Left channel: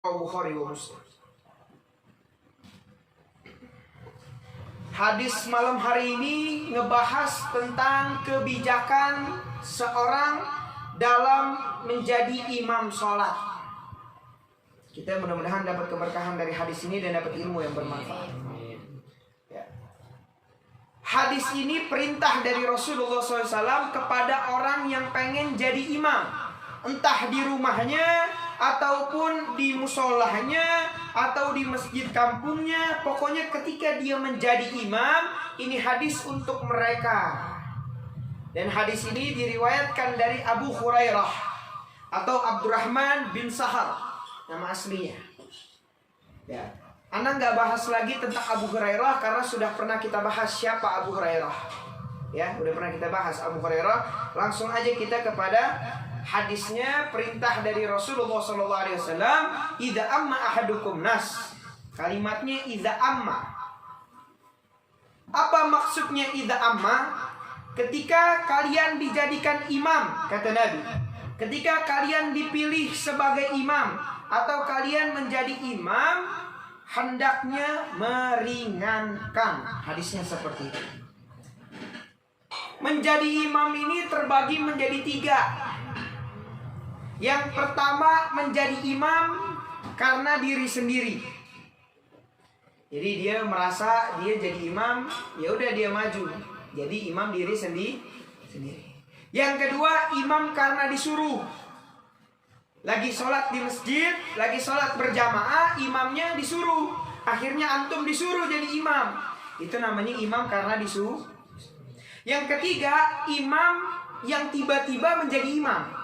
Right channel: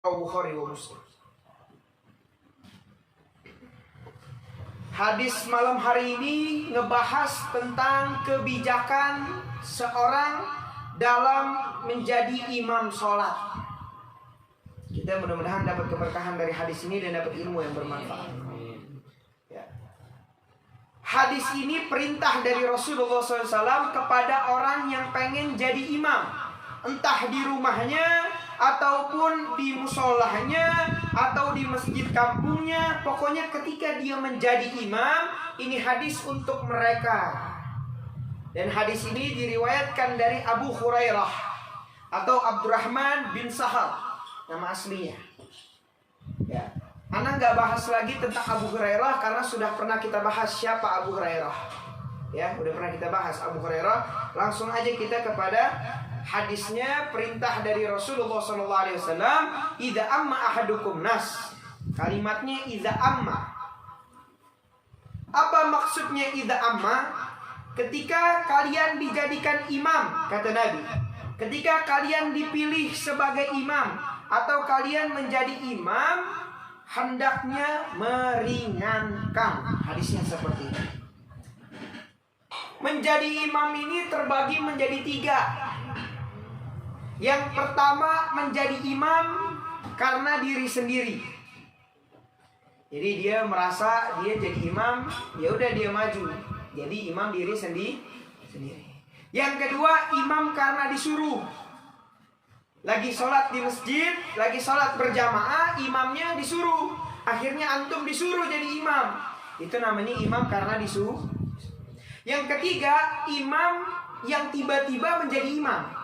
Bukhari wa Muslim. Hadis malam hari ini ngebahas tentang kebijakan seorang dalam menjadi imam sholat. Kita mudah-mudahan dapat keberkahan dari hadis ini dan dapat ilmu yang bermanfaat. Ya. Hadis ini perintah dari Rasulullah SAW kepada orang yang pengen jadi imam, entah di rumahnya ataupun di musolahnya atau di masjid kampungnya. Pokoknya ketika dia menjadi imam, ini hadis untuk mereka. Dan hadis ini diriwayatkan dari Abu Hurairah atau Abdurrahman bin Sahar, nama aslinya. Ya, Anda nggak bahas lagi tentang Abu Hurairah karena sudah pernah kita bahas siapa Abu Hurairah. Ya, udah pernah kita bahas Abu Hurairah. Langsung aja kita kepada hadisnya, perintah dari Rasulullah SAW. Idza amma ahadukum nas. Kalimatnya idza amma. Apa maksudnya idza amma? Ketika kalian dijadikan imam, kata Nabi, ketika kalian dipilih sebagai imam atau kalian menjadi imam, hendaknya meringankan. Hadisnya seperti ini. Menjadi imam ini terbagi menjadi 3. Yang pertama, menjadi imam karena diri sendiri. Jadi dia merasa dia jadi imam, ya udah dia maju. Jadi imam diri sendiri. Yang kedua, imam karena disuruh. Lagi sholat di masjid, lagi sholat berjamaah, imamnya disuruh. Akhirnya antum disuruh jadi imam. Itu namanya imam karena disuruh. Yang ketiga, imam yang tiba-tiba menjadi imam.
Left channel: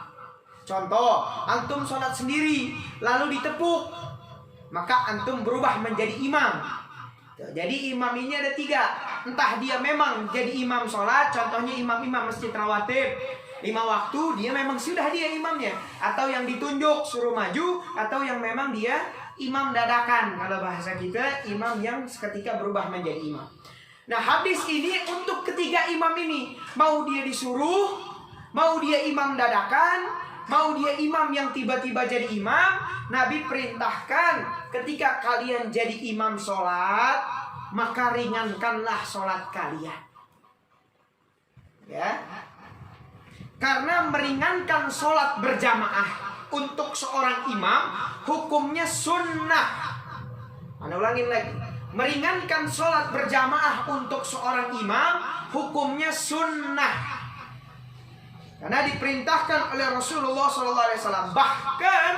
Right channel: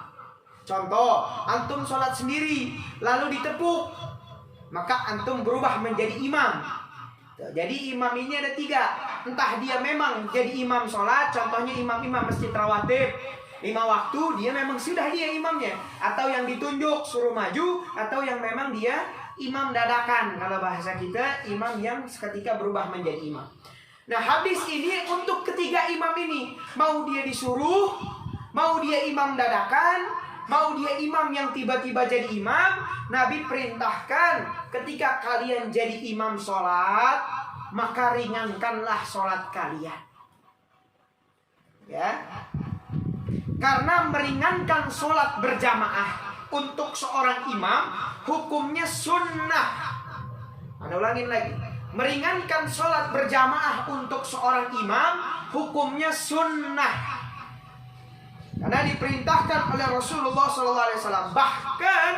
Contoh, antum sholat sendiri, lalu ditepuk, maka antum berubah menjadi imam. Jadi imam ini ada 3. Entah dia memang jadi imam sholat, contohnya imam-imam masjid rawatib 5 waktu, dia memang sudah dia imamnya. Atau yang ditunjuk suruh maju, atau yang memang dia imam dadakan. Kalau bahasa kita, imam yang seketika berubah menjadi imam. Nah, hadis ini untuk ketiga imam ini. Mau dia disuruh, mau dia imam dadakan, mau dia imam yang tiba-tiba jadi imam, Nabi perintahkan ketika kalian jadi imam sholat, maka ringankanlah sholat kalian. Ya, karena meringankan sholat berjamaah untuk seorang imam hukumnya sunnah. Anda ulangin lagi, meringankan sholat berjamaah untuk seorang imam hukumnya sunnah. Karena diperintahkan oleh Rasulullah SAW. Bahkan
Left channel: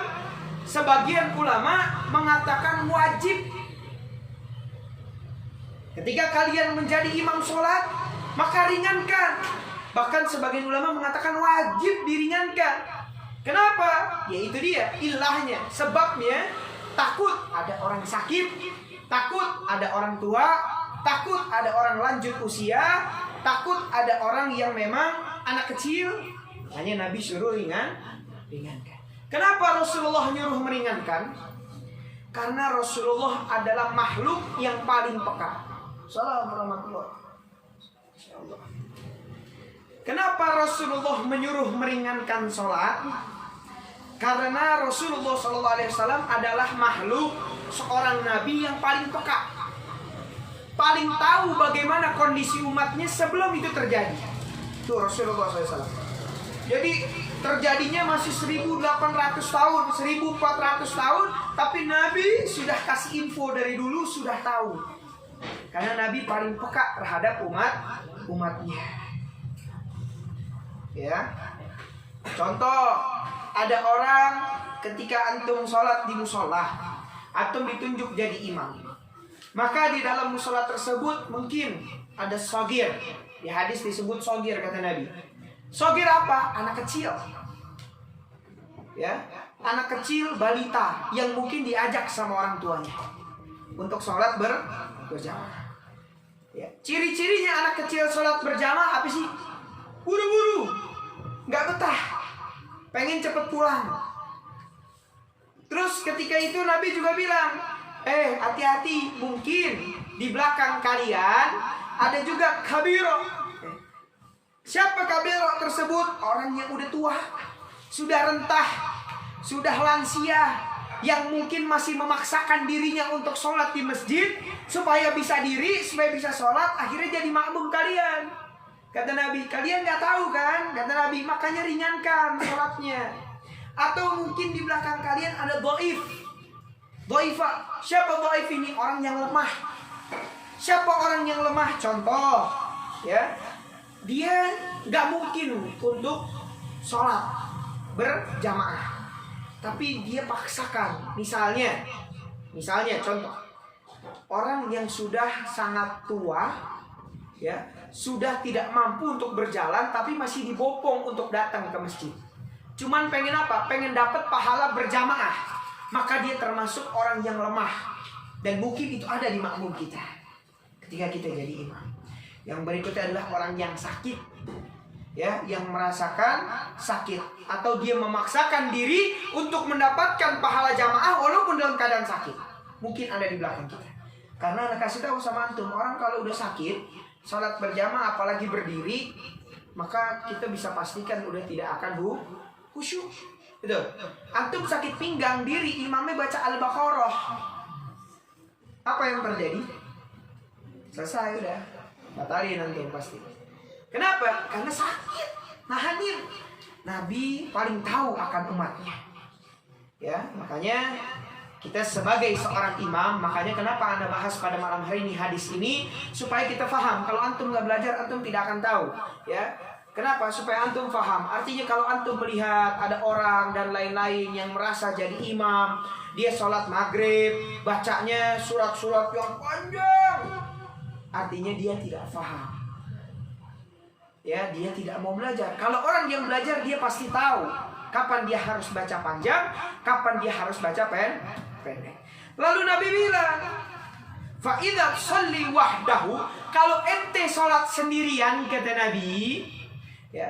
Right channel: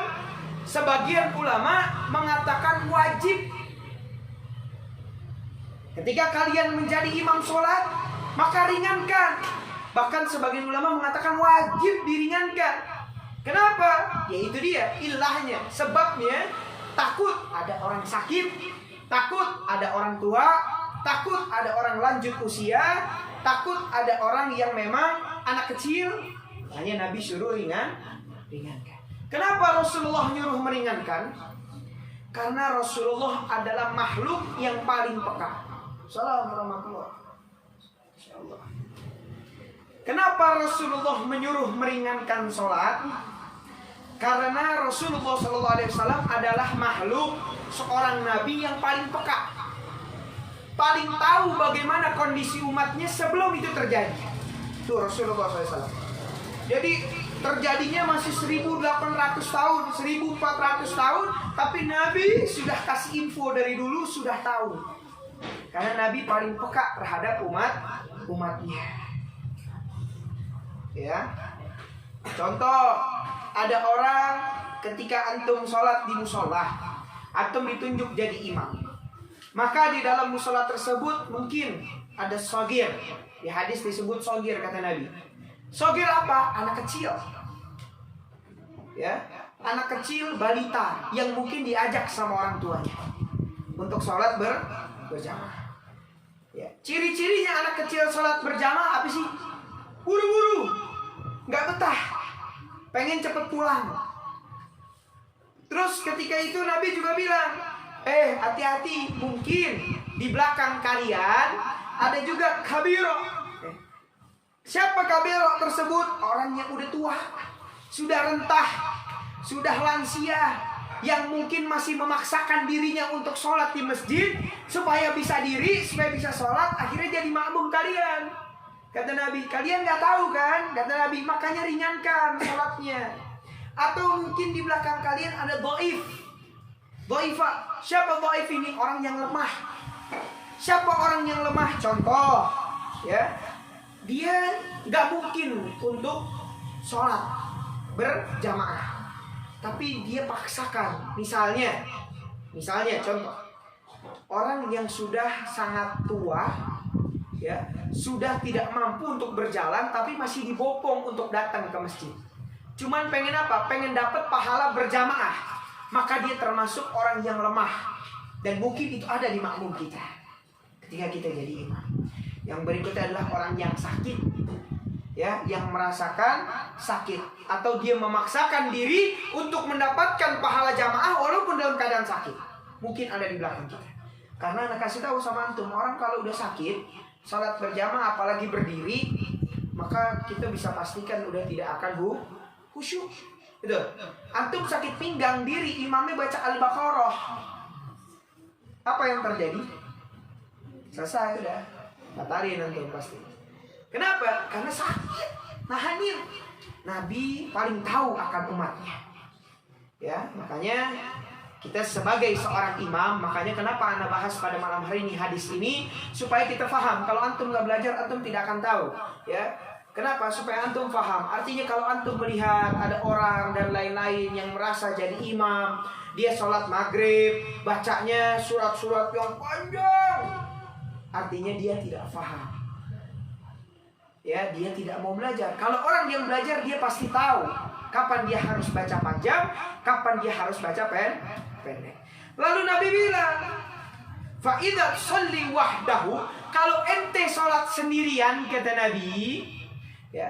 sebagian ulama mengatakan wajib. Ketika kalian menjadi imam sholat, maka ringankan. Bahkan sebagian ulama mengatakan wajib diringankan. Kenapa? Ya itu dia ilahnya. Sebabnya takut ada orang sakit, takut ada orang tua, takut ada orang lanjut usia, takut ada orang yang memang anak kecil. Makanya Nabi suruh ringankan. Kenapa Rasulullah nyuruh meringankan? Karena Rasulullah adalah makhluk yang paling peka. Assalamualaikum warahmatullahi wabarakatuh. Kenapa Rasulullah menyuruh meringankan sholat? Karena Rasulullah SAW adalah makhluk, seorang nabi yang paling peka, paling tahu bagaimana kondisi umatnya sebelum itu terjadi. Itu Rasulullah SAW. Jadi terjadinya masih 1800 tahun, 1400 tahun, tapi Nabi sudah kasih info dari dulu, sudah tahu. Karena Nabi paling peka terhadap umatnya. Ya. Contoh, ada orang ketika antum sholat di musola, antum ditunjuk jadi imam. Maka di dalam musola tersebut mungkin ada sogir. Di hadis disebut sogir, kata Nabi. Sogir apa? Anak kecil. Ya, anak kecil, balita yang mungkin diajak sama orang tuanya untuk sholat berjamaah. Ya, ciri-cirinya anak kecil sholat berjamaah apa sih? Buru-buru, nggak betah, pengen cepet pulang. Terus ketika itu Nabi juga bilang, hati-hati, mungkin di belakang kalian ada juga kabiro. Siapa kabiro tersebut? Orang yang udah tua, sudah rentah, sudah lansia, yang mungkin masih memaksakan dirinya untuk sholat di masjid supaya bisa diri, supaya bisa sholat, akhirnya jadi makmum kalian. Kata Nabi, kalian nggak tahu kan? Kata Nabi, makanya ringankan sholatnya. Atau mungkin di belakang kalian ada dhaif. Dhaifah. Siapa dhaif ini? Orang yang lemah. Siapa orang yang lemah? Contoh, ya, dia nggak mungkin untuk sholat berjamaah, tapi dia paksakan. Misalnya contoh, orang yang sudah sangat tua, ya, sudah tidak mampu untuk berjalan, tapi masih dibopong untuk datang ke masjid. Cuman pengen apa? Pengen dapat pahala berjamaah. Maka dia termasuk orang yang lemah. Dan mungkin itu ada di makmum kita ketika kita jadi imam. Yang berikutnya adalah orang yang sakit, ya, yang merasakan sakit, atau dia memaksakan diri untuk mendapatkan pahala jamaah walaupun dalam keadaan sakit. Mungkin ada di belakang kita. Karena anak kasih tahu sama antum, orang kalau udah sakit, salat berjamaah apalagi berdiri, maka kita bisa pastikan udah tidak akan khusyuk. Betul. Antum sakit pinggang diri, imamnya baca Al-Baqarah, apa yang terjadi? Selesai udah, batalin antum pasti. Kenapa? Karena sakit, nahanin. Nabi paling tahu akan umatnya, ya. Makanya kita sebagai seorang imam, makanya kenapa Anda bahas pada malam hari ini hadis ini, supaya kita paham. Kalau antum nggak belajar, antum tidak akan tahu, ya. Kenapa? Supaya antum paham. Artinya kalau antum melihat ada orang dan lain-lain yang merasa jadi imam, dia sholat maghrib, bacanya surat-surat yang panjang, artinya dia tidak paham, ya, dia tidak mau belajar. Kalau orang yang belajar, dia pasti tahu kapan dia harus baca panjang, kapan dia harus baca pendek. Lalu Nabi bilang, fa idza sholli wahdahu, kalau ente sholat sendirian, kata Nabi, ya,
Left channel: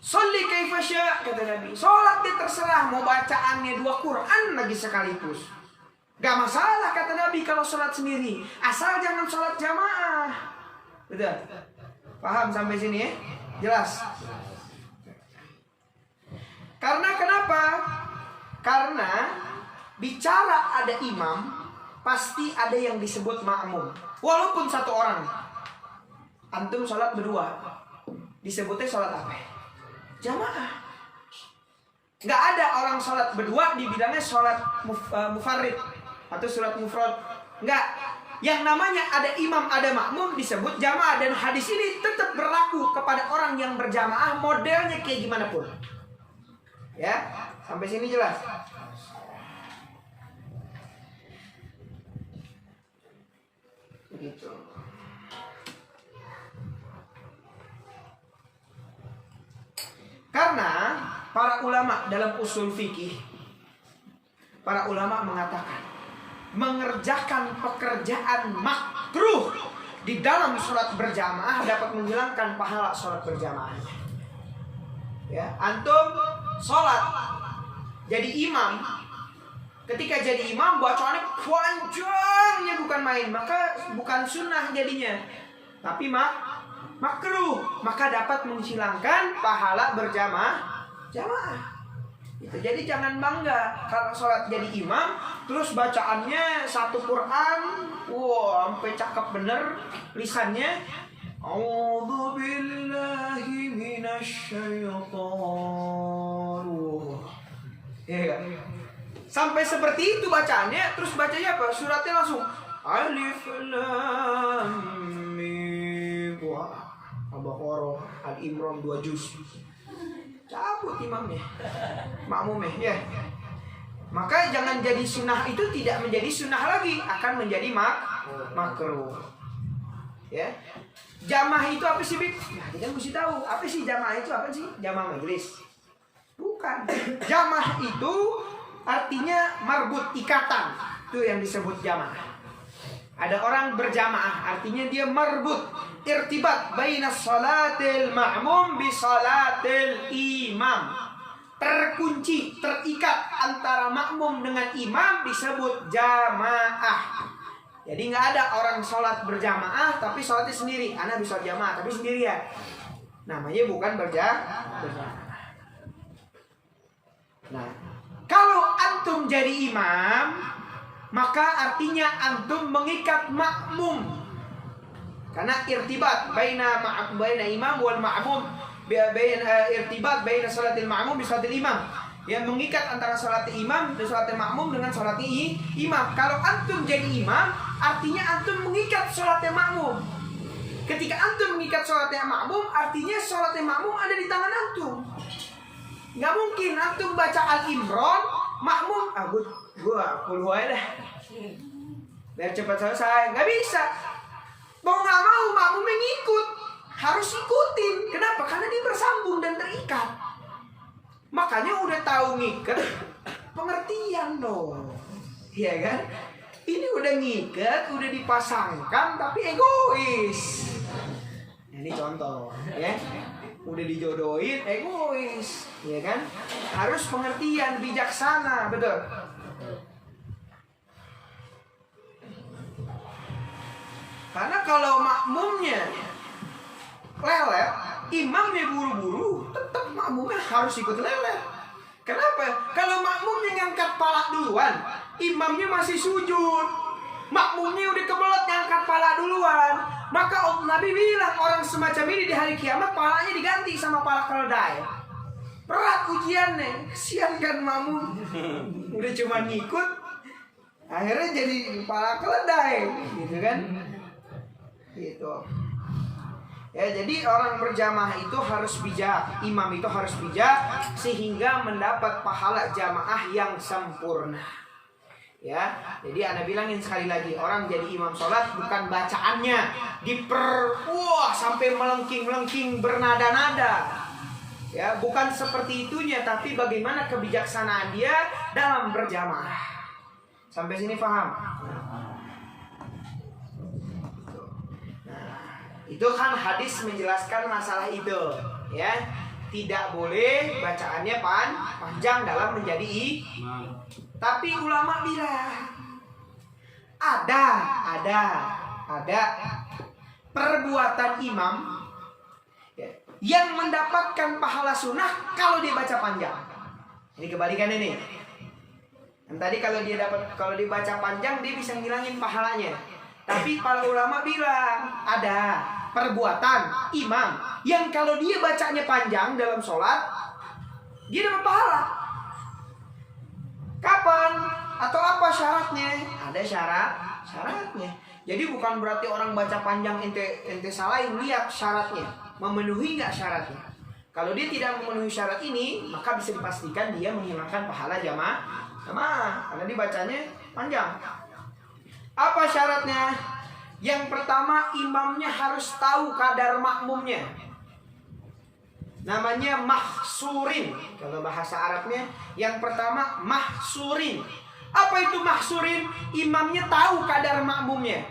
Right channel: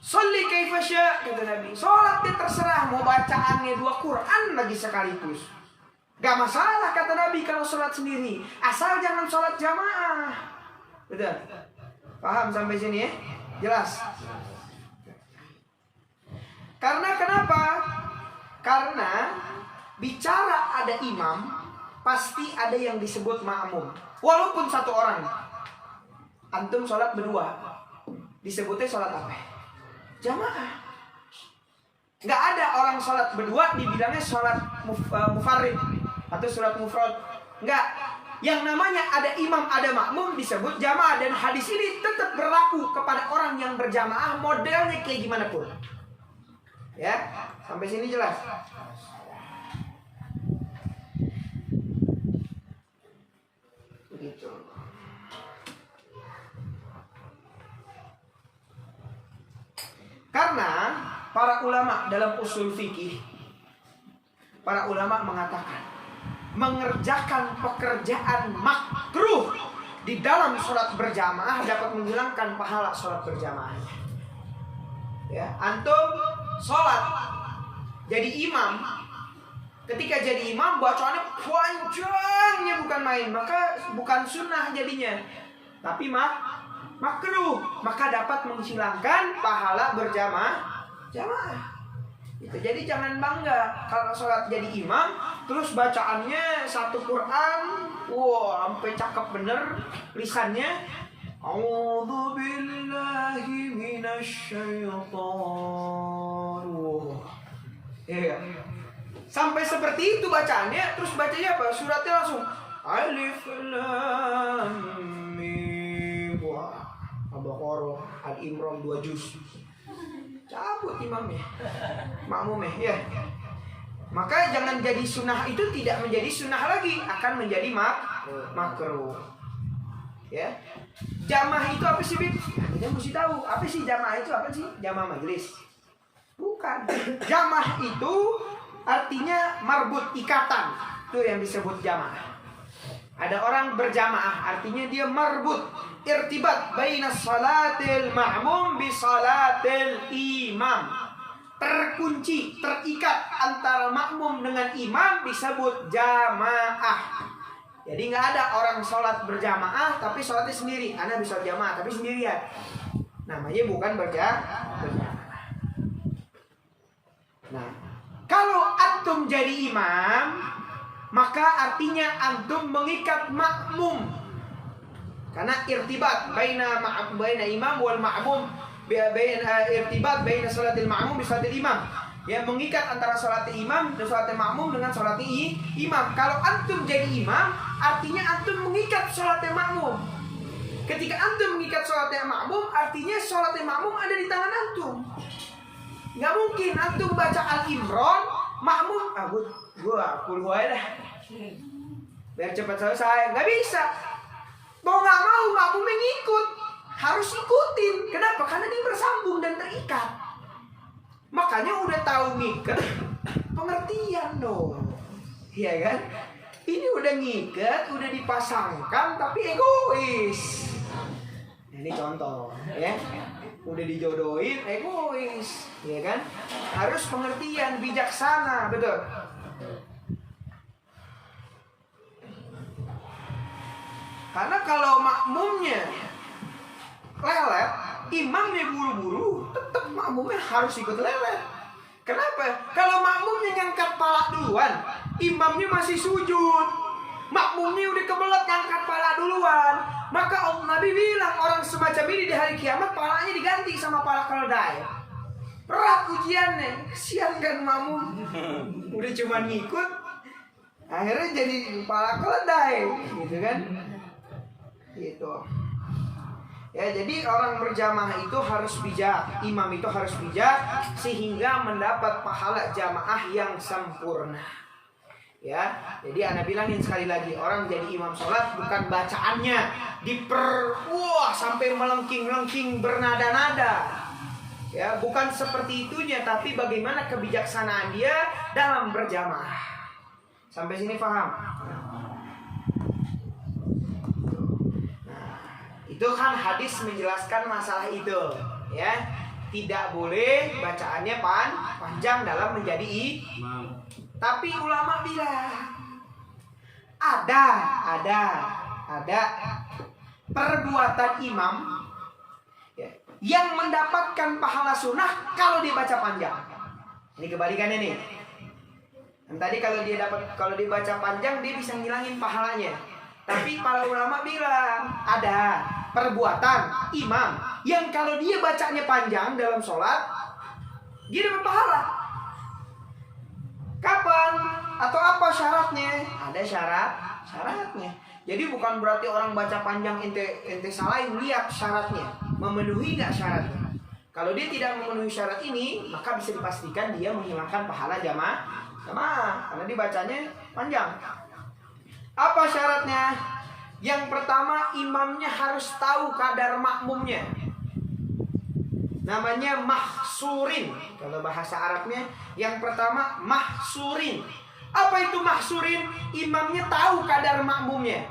sholli kaifa sya', kata Nabi, sholat dia terserah, mau bacaannya 2 Quran lagi sekaligus, gak masalah, kata Nabi, kalau sholat sendiri, asal jangan sholat jamaah. Betul? Paham sampai sini, ya? Jelas? Karena kenapa? Karena bicara ada imam, pasti ada yang disebut makmum. Walaupun 1 orang. Antum sholat berdua, disebutnya sholat apa? Jamaah. Gak ada orang sholat berdua dibilangnya sholat mufarrid atau sholat mufrad. Enggak. Yang namanya ada imam, ada makmum disebut jamaah. Dan hadis ini tetap berlaku kepada orang yang berjamaah, modelnya kayak gimana pun. Ya, sampai sini jelas. Begitu. Karena para ulama dalam usul fikih, para ulama mengatakan mengerjakan pekerjaan makruh di dalam sholat berjamaah dapat menghilangkan pahala sholat berjamaahnya. Ya, antum sholat jadi imam, ketika jadi imam bacaannya panjangnya bukan main, maka bukan sunnah jadinya, tapi makruh, maka dapat menghilangkan pahala berjamaah. Itu jadi jangan bangga kalau sholat jadi imam terus bacaannya 1 Quran, wah, sampai cakep bener lisannya. A'udzu billahi minasyaitonir. Ya, sampai seperti itu bacaannya, terus bacanya apa? Suratnya langsung Alif Lam Mim. Wah, Al-Baqarah, Al-Imran 2 juz. Cabut imamnya, makmumnya, ya. Maka jangan jadi sunnah itu tidak menjadi sunnah lagi, akan menjadi makruh. Ya. Jamaah itu apa sih, Bib? Nah, kita mesti tahu apa sih jamaah itu, apa sih? Jamaah majelis. Bukan. Jamaah itu artinya marbut, ikatan. Itu yang disebut jamaah. Ada orang berjamaah, artinya dia marbut, irtibat baina salatil ma'mum bi salatil imam. Terkunci, terikat antara makmum dengan imam disebut jamaah. Jadi nggak ada orang sholat berjamaah tapi sholatnya sendiri. Ana bisa jamaah tapi sendirian. Namanya bukan berjamaah. Nah, kalau antum jadi imam, maka artinya antum mengikat makmum. Karena irtibat baina imam wal ma'mum, irtibat baina salatil ma'mum bi salatil imam. Ya, mengikat antara salat imam dan salat makmum dengan salat imam. Kalau antum jadi imam, artinya antum mengikat salat makmum. Ketika antum mengikat salat makmum, artinya salat makmum ada di tangan antum. Nggak mungkin antum baca Al-Imran, makmum, gua puluh aja dah, biar cepat selesai. Nggak bisa. Mau nggak mau makmum mengikut, harus ikutin. Kenapa? Karena dia bersambung dan terikat. Makanya udah tahu ngikat, pengertian dong, iya kan? Ini udah ngikat, udah dipasangkan, tapi egois. Nah, ini contoh, ya. Udah dijodohin, egois, ya kan? Harus pengertian, bijaksana, betul. Karena kalau makmumnya lelet, imamnya buru-buru, tetap makmumnya harus ikut lelet. Kenapa? Kalau makmumnya ngangkat pala duluan, imamnya masih sujud, makmumnya udah kebelet ngangkat pala duluan, maka Nabi bilang orang semacam ini di hari kiamat palanya diganti sama pala keledai. Berat ujiannya, kesian kan makmum, udah cuma ngikut, akhirnya jadi pala keledai, gitu kan? Gitu. Ya, jadi orang berjamaah itu harus bijak, imam itu harus bijak sehingga mendapat pahala jamaah yang sempurna. Ya, jadi Anda bilangin sekali lagi, orang jadi imam sholat bukan bacaannya sampai melengking-melengking bernada-nada. Ya, bukan seperti itunya, tapi bagaimana kebijaksanaan dia dalam berjamaah. Sampai sini paham? Itu kan hadis menjelaskan masalah itu, ya. Tidak boleh bacaannya panjang dalam menjadi imam. Tapi ulama bilang ada perbuatan imam, ya, yang mendapatkan pahala sunnah kalau dia baca panjang. Ini kebalikannya nih. Dan tadi kalau dia baca panjang dia bisa ngilangin pahalanya. Tapi para ulama bilang ada perbuatan imam yang kalau dia bacanya panjang dalam sholat, dia dapat pahala. Kapan? Atau apa syaratnya? Ada syaratnya. Jadi bukan berarti orang baca panjang ente salahin, lihat syaratnya, memenuhi nggak syaratnya. Kalau dia tidak memenuhi syarat ini, maka bisa dipastikan dia menghilangkan pahala jamaah karena dibacanya panjang. Apa syaratnya? Yang pertama, imamnya harus tahu kadar makmumnya. Namanya mahsurin. Kalau bahasa Arabnya, yang pertama mahsurin. Apa itu mahsurin? Imamnya tahu kadar makmumnya.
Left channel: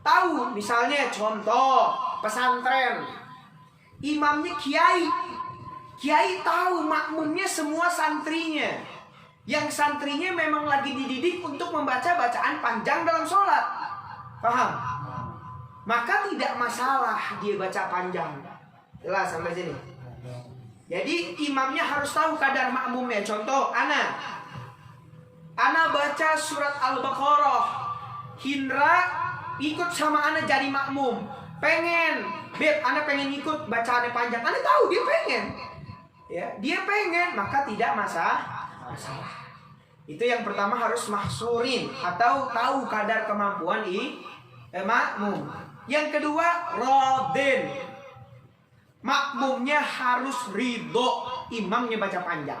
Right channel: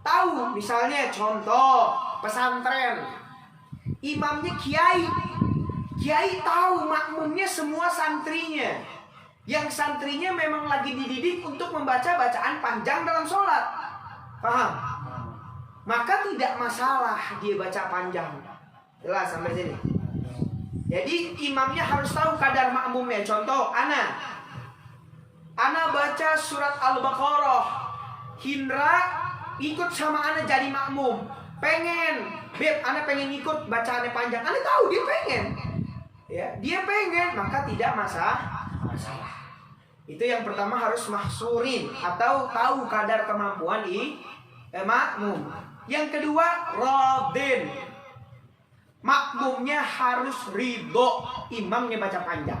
Tahu, misalnya contoh pesantren. Imamnya kiai. Kiai tahu makmumnya semua santrinya. Yang santrinya memang lagi dididik untuk membaca bacaan panjang dalam sholat. Paham? Maka tidak masalah dia baca panjang. Jelas sampai sini. Jadi imamnya harus tahu kadar makmumnya. Contoh, Ana baca surat Al-Baqarah, Hindra ikut sama Ana jadi makmum. Beb, Ana pengen ikut bacaannya panjang. Ana tahu dia pengen. Ya, dia pengen, maka tidak masalah. Itu yang pertama, harus mahsurin atau tahu kadar kemampuan makmum. Yang kedua, radin. Makmumnya harus ridho imamnya baca panjang.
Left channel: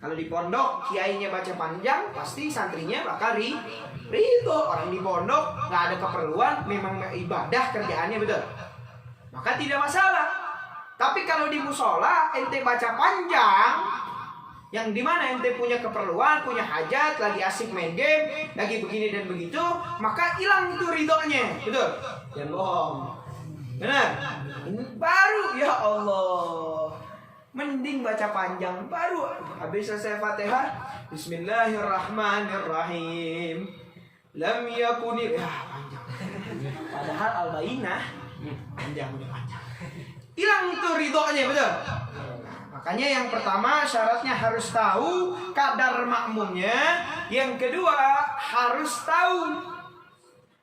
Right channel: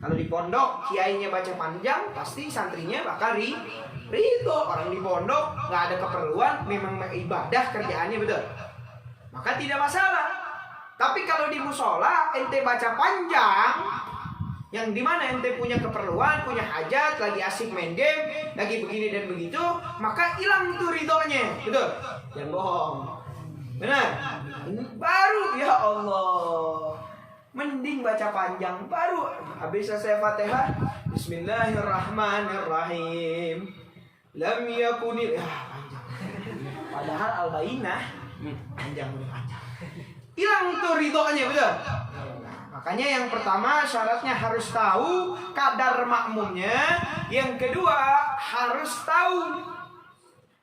Kalau di pondok kiainya baca panjang, pasti santrinya bakal ridho. Orang di pondok nggak ada keperluan, memang ibadah kerjaannya, betul. Maka tidak masalah. Tapi kalau di musola ente baca panjang, yang dimana ente punya keperluan, punya hajat, lagi asik main game, lagi begini dan begitu, maka hilang tuh ridhonya, betul? Jangan bohong, benar? Baru ya Allah, mending baca panjang, baru habis selesai Fatihah, Bismillahirrahmanirrahim, lam yakunil, panjang. Padahal Al-Bayyinah panjang, hilang tuh ridhonya, betul? Makanya yang pertama syaratnya harus tahu kadar makmumnya. Yang kedua harus tahu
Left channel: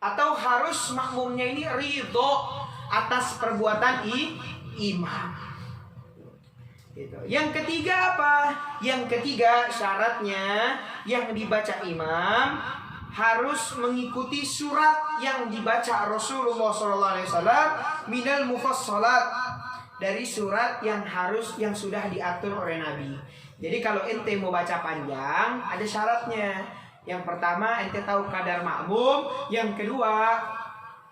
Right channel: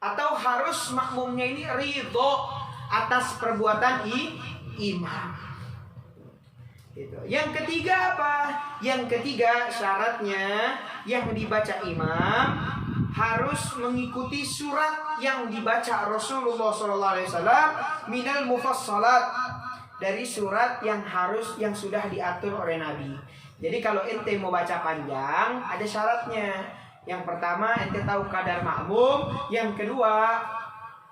atau harus makmumnya ini ridho atas perbuatan imam. Gitu. Yang ketiga apa? Yang ketiga syaratnya yang dibaca imam harus mengikuti surat yang dibaca Rasulullah SAW minal mufassalat, dari surat yang sudah diatur oleh Nabi. Jadi kalau ente mau baca panjang ada syaratnya. Yang pertama ente tahu kadar makmum, yang kedua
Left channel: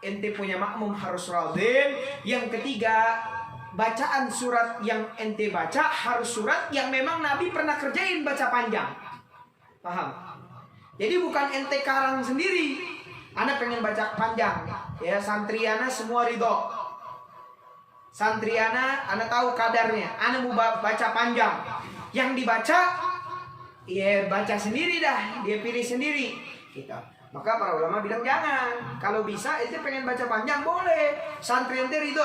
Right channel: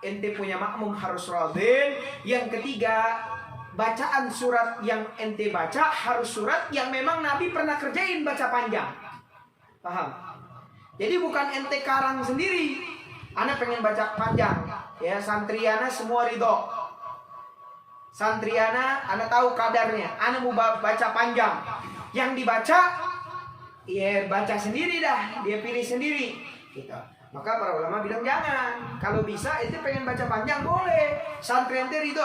ente punya makmum harus radin, yang ketiga bacaan surat yang ente baca harus surat yang memang Nabi pernah kerjain baca panjang. Paham? Jadi bukan ente karang sendiri. Ana pengen baca panjang, ya santriana semua ridho. Santriana, ana tahu kadarnya, ana mau baca panjang. Yang dibaca, ya baca sendiri dah, dia pilih sendiri. Gitu. Maka para ulama bilang jangan. Kalau bisa, ente pengen baca panjang boleh. Santri ente ridho.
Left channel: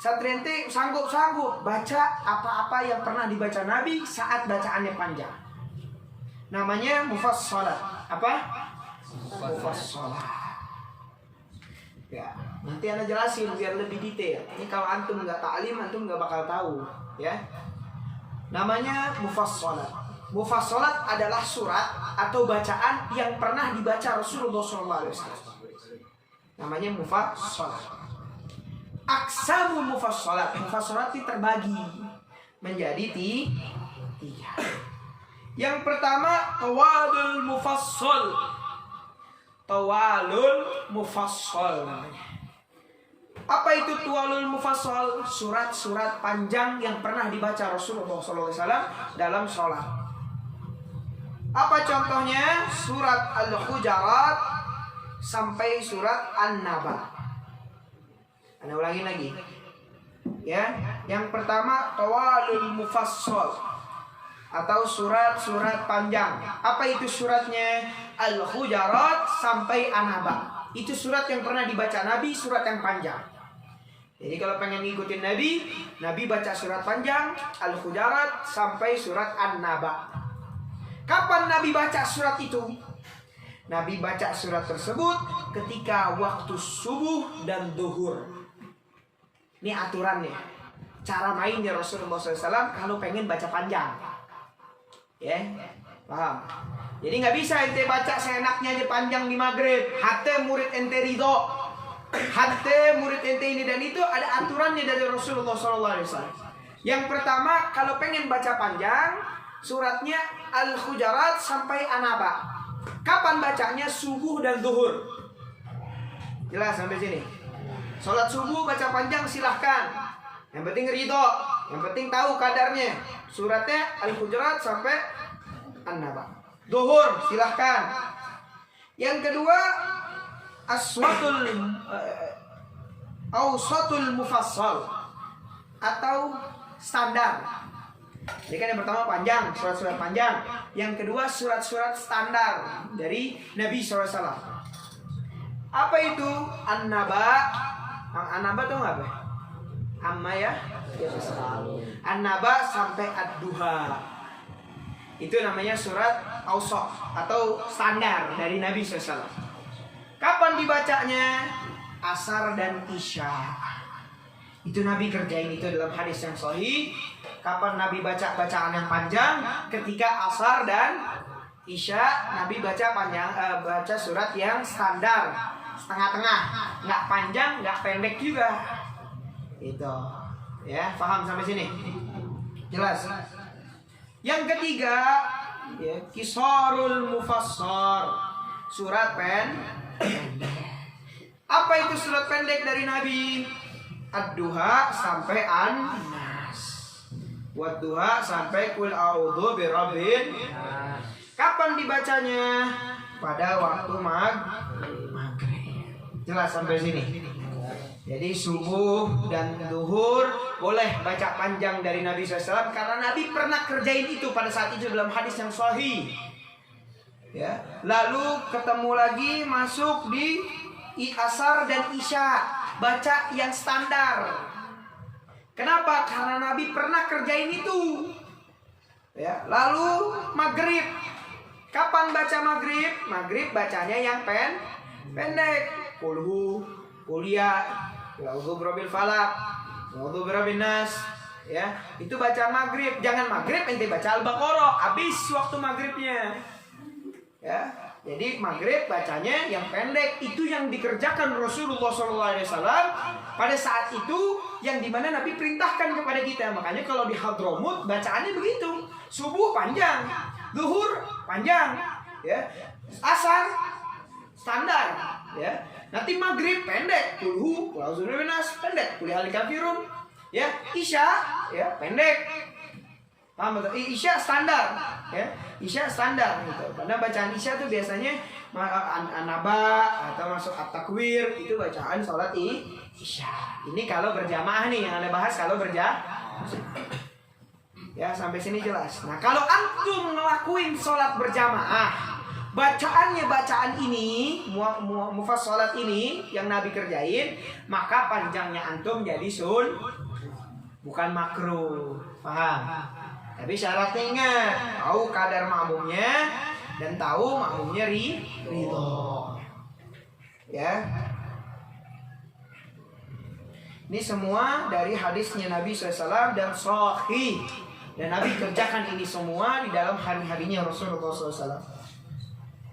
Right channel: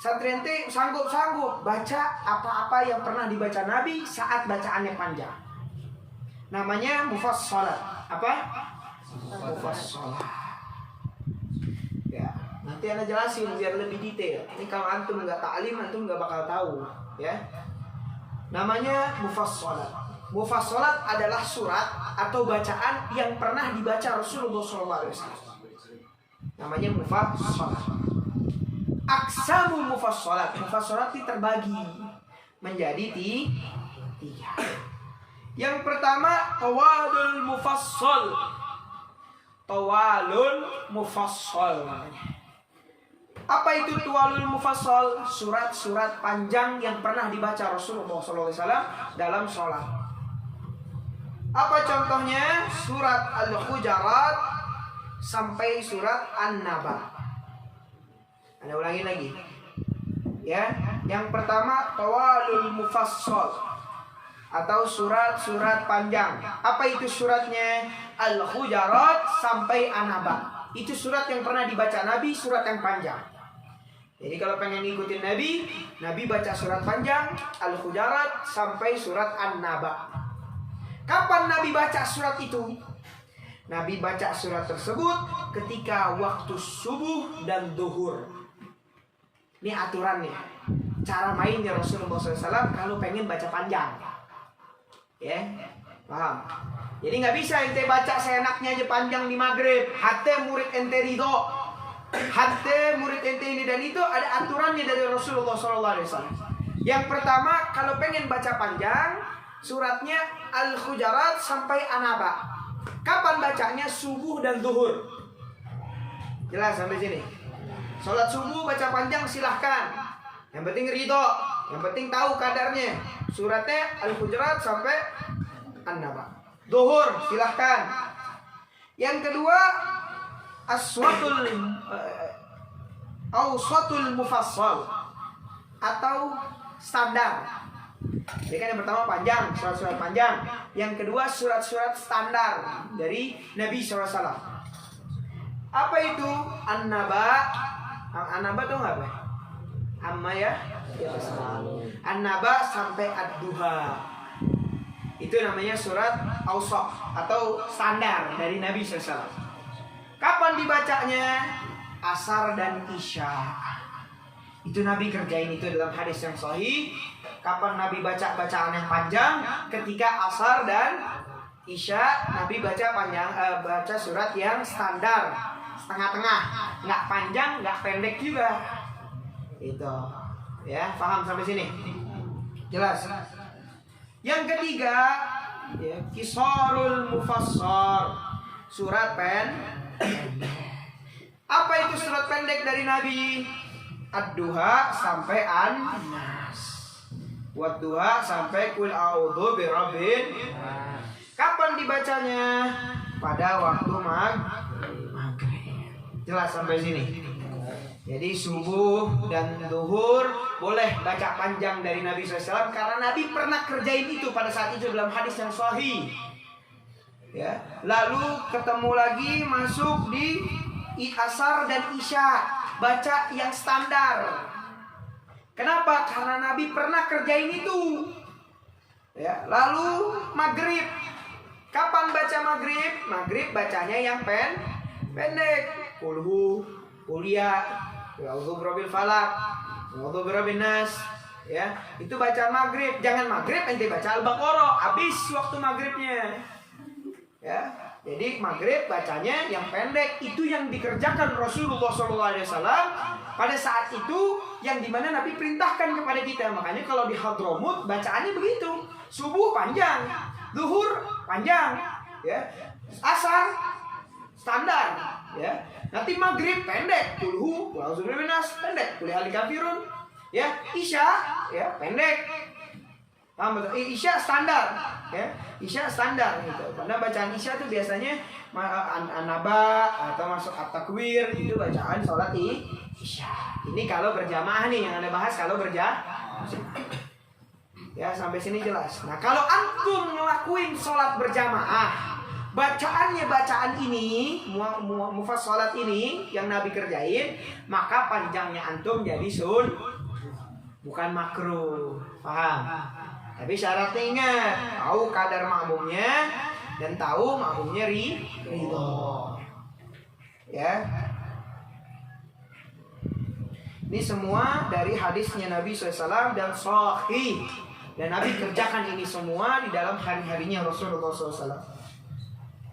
Santri ente sanggup baca apa-apa yang pernah dibaca Nabi saat bacaannya panjang. Namanya mufassalat. Apa? Mufassalat. Ya. Nanti Anda jelasin biar lebih detail. Ini kalau antum nggak ta'lim, antum nggak bakal tahu, ya. Namanya mufassalat. Mufassalat adalah surat atau bacaan yang pernah dibaca Rasulullah SAW. Namanya mufassalat. Aqsamul mufassalat. Mufassalat itu terbagi menjadi tiga. Yang pertama tawalul mufassal. Tawalul mufassal namanya. Apa itu tuwalul mufassal? Surat-surat panjang yang pernah dibaca Rasulullah SAW dalam sholat. Apa contohnya? Surat Al-Hujurat sampai surat An-Naba. Anda ulangi lagi. Ya, yang pertama tawalul mufassal atau surat-surat panjang. Apa itu suratnya? Al-Hujurat sampai An-Naba. Itu surat yang pernah dibaca Nabi, surat yang panjang. Jadi kalau pengen ngikutin Nabi baca surat panjang Al-Hujurat sampai surat An-Naba. Kapan Nabi baca surat itu? Nabi baca surat tersebut ketika waktu subuh dan duhur. Ini aturannya. Cara mainnya Rasulullah SAW kalau pengen baca panjang. Ya, paham? Jadi nggak bisa ente baca seenaknya aja panjang di maghrib. Hati murid ente ridho. Hati murid ente ini dan itu ada aturannya dari Rasulullah SAW. Yang pertama kalau pengen baca panjang, suratnya Al-Hujurat sampai An-Naba. Kapan bacanya? Subuh dan zuhur. Jelas sampai sini? Sholat subuh baca panjang silahkan. Yang penting ridho, yang penting tahu kadarnya. Suratnya Al-Hujurat sampai An-Naba. Zuhur silahkan. Yang kedua awsatul mufassal atau standar. Jadi kan yang pertama panjang, surat-surat panjang. Yang kedua surat-surat standar dari Nabi SAW. Apa itu? An-Naba. An-Naba itu apa? Amma ya? An-Naba sampai Ad-Duha. Itu namanya surat awsat atau standar dari Nabi SAW. Kapan dibacanya? Asar dan Isya. Itu Nabi kerjain itu dalam hadis yang sahih. Kapan Nabi baca bacaan yang panjang? Ketika asar dan Isya Nabi baca panjang, baca surat yang standar, setengah-tengah, nggak panjang, nggak pendek juga. Itu, ya, paham sampai sini? Jelas. Yang ketiga, ya, Qisarul Mufassal, surat pendek. Apa itu surat pendek dari Nabi? Ad-Duha sampai An-Nas. Wad-Duha sampai Qul a'udzu birabbin. Kapan dibacanya? Pada waktu maghrib. Jelas sampai sini? Jadi subuh dan duhur boleh baca panjang dari Nabi SAW karena Nabi pernah kerjain itu pada saat itu dalam hadis yang sahih. Ya, lalu ketemu lagi masuk di asar dan isya, baca yang standar. Kenapa? Karena Nabi pernah kerjain itu. Ya, lalu maghrib. Kapan baca maghrib? Maghrib bacanya yang pendek. Kulhu, kuliah, A'udzu birabbil falaq, A'udzu birabbin nas. Ya, itu bacaan maghrib. Jangan maghrib ente baca Al-Baqarah, habis waktu maghribnya. Ya, jadi maghrib bacanya yang pendek. Itu yang dikerjakan Rasulullah SAW pada saat itu, yang dimana Nabi perintahkan kepada kita. Makanya kalau di Hadramut bacaannya begitu. Subuh panjang, zuhur panjang, ya, asar standar, ya. Nanti maghrib pendek, kulhu, A'udzu birabbin nas pendek, qul ya ayyuhal kafirun, ya. Isya, ya, pendek. Paham betul? Isya standar, ya. Isya standar gitu. Pada bacaan Isya tuh biasanya An-Naba atau masuk At-Takwir, itu bacaan sholat Isya. Ini kalau berjamaah nih yang Anda bahas kalau berjamaah. Ya, sampai sini jelas. Nah, kalau antum ngelakuin sholat berjamaah, bacaannya bacaan ini, mufassalat ini yang Nabi kerjain, maka panjangnya antum jadi bukan makruh. Paham? Tapi syaratnya ingat, tahu kadar makmumnya dan tahu makmumnya ridho. Ya. Ini semua dari hadisnya Nabi SAW dan sahih. Dan Nabi kerjakan ini semua di dalam hari-harinya Rasulullah SAW.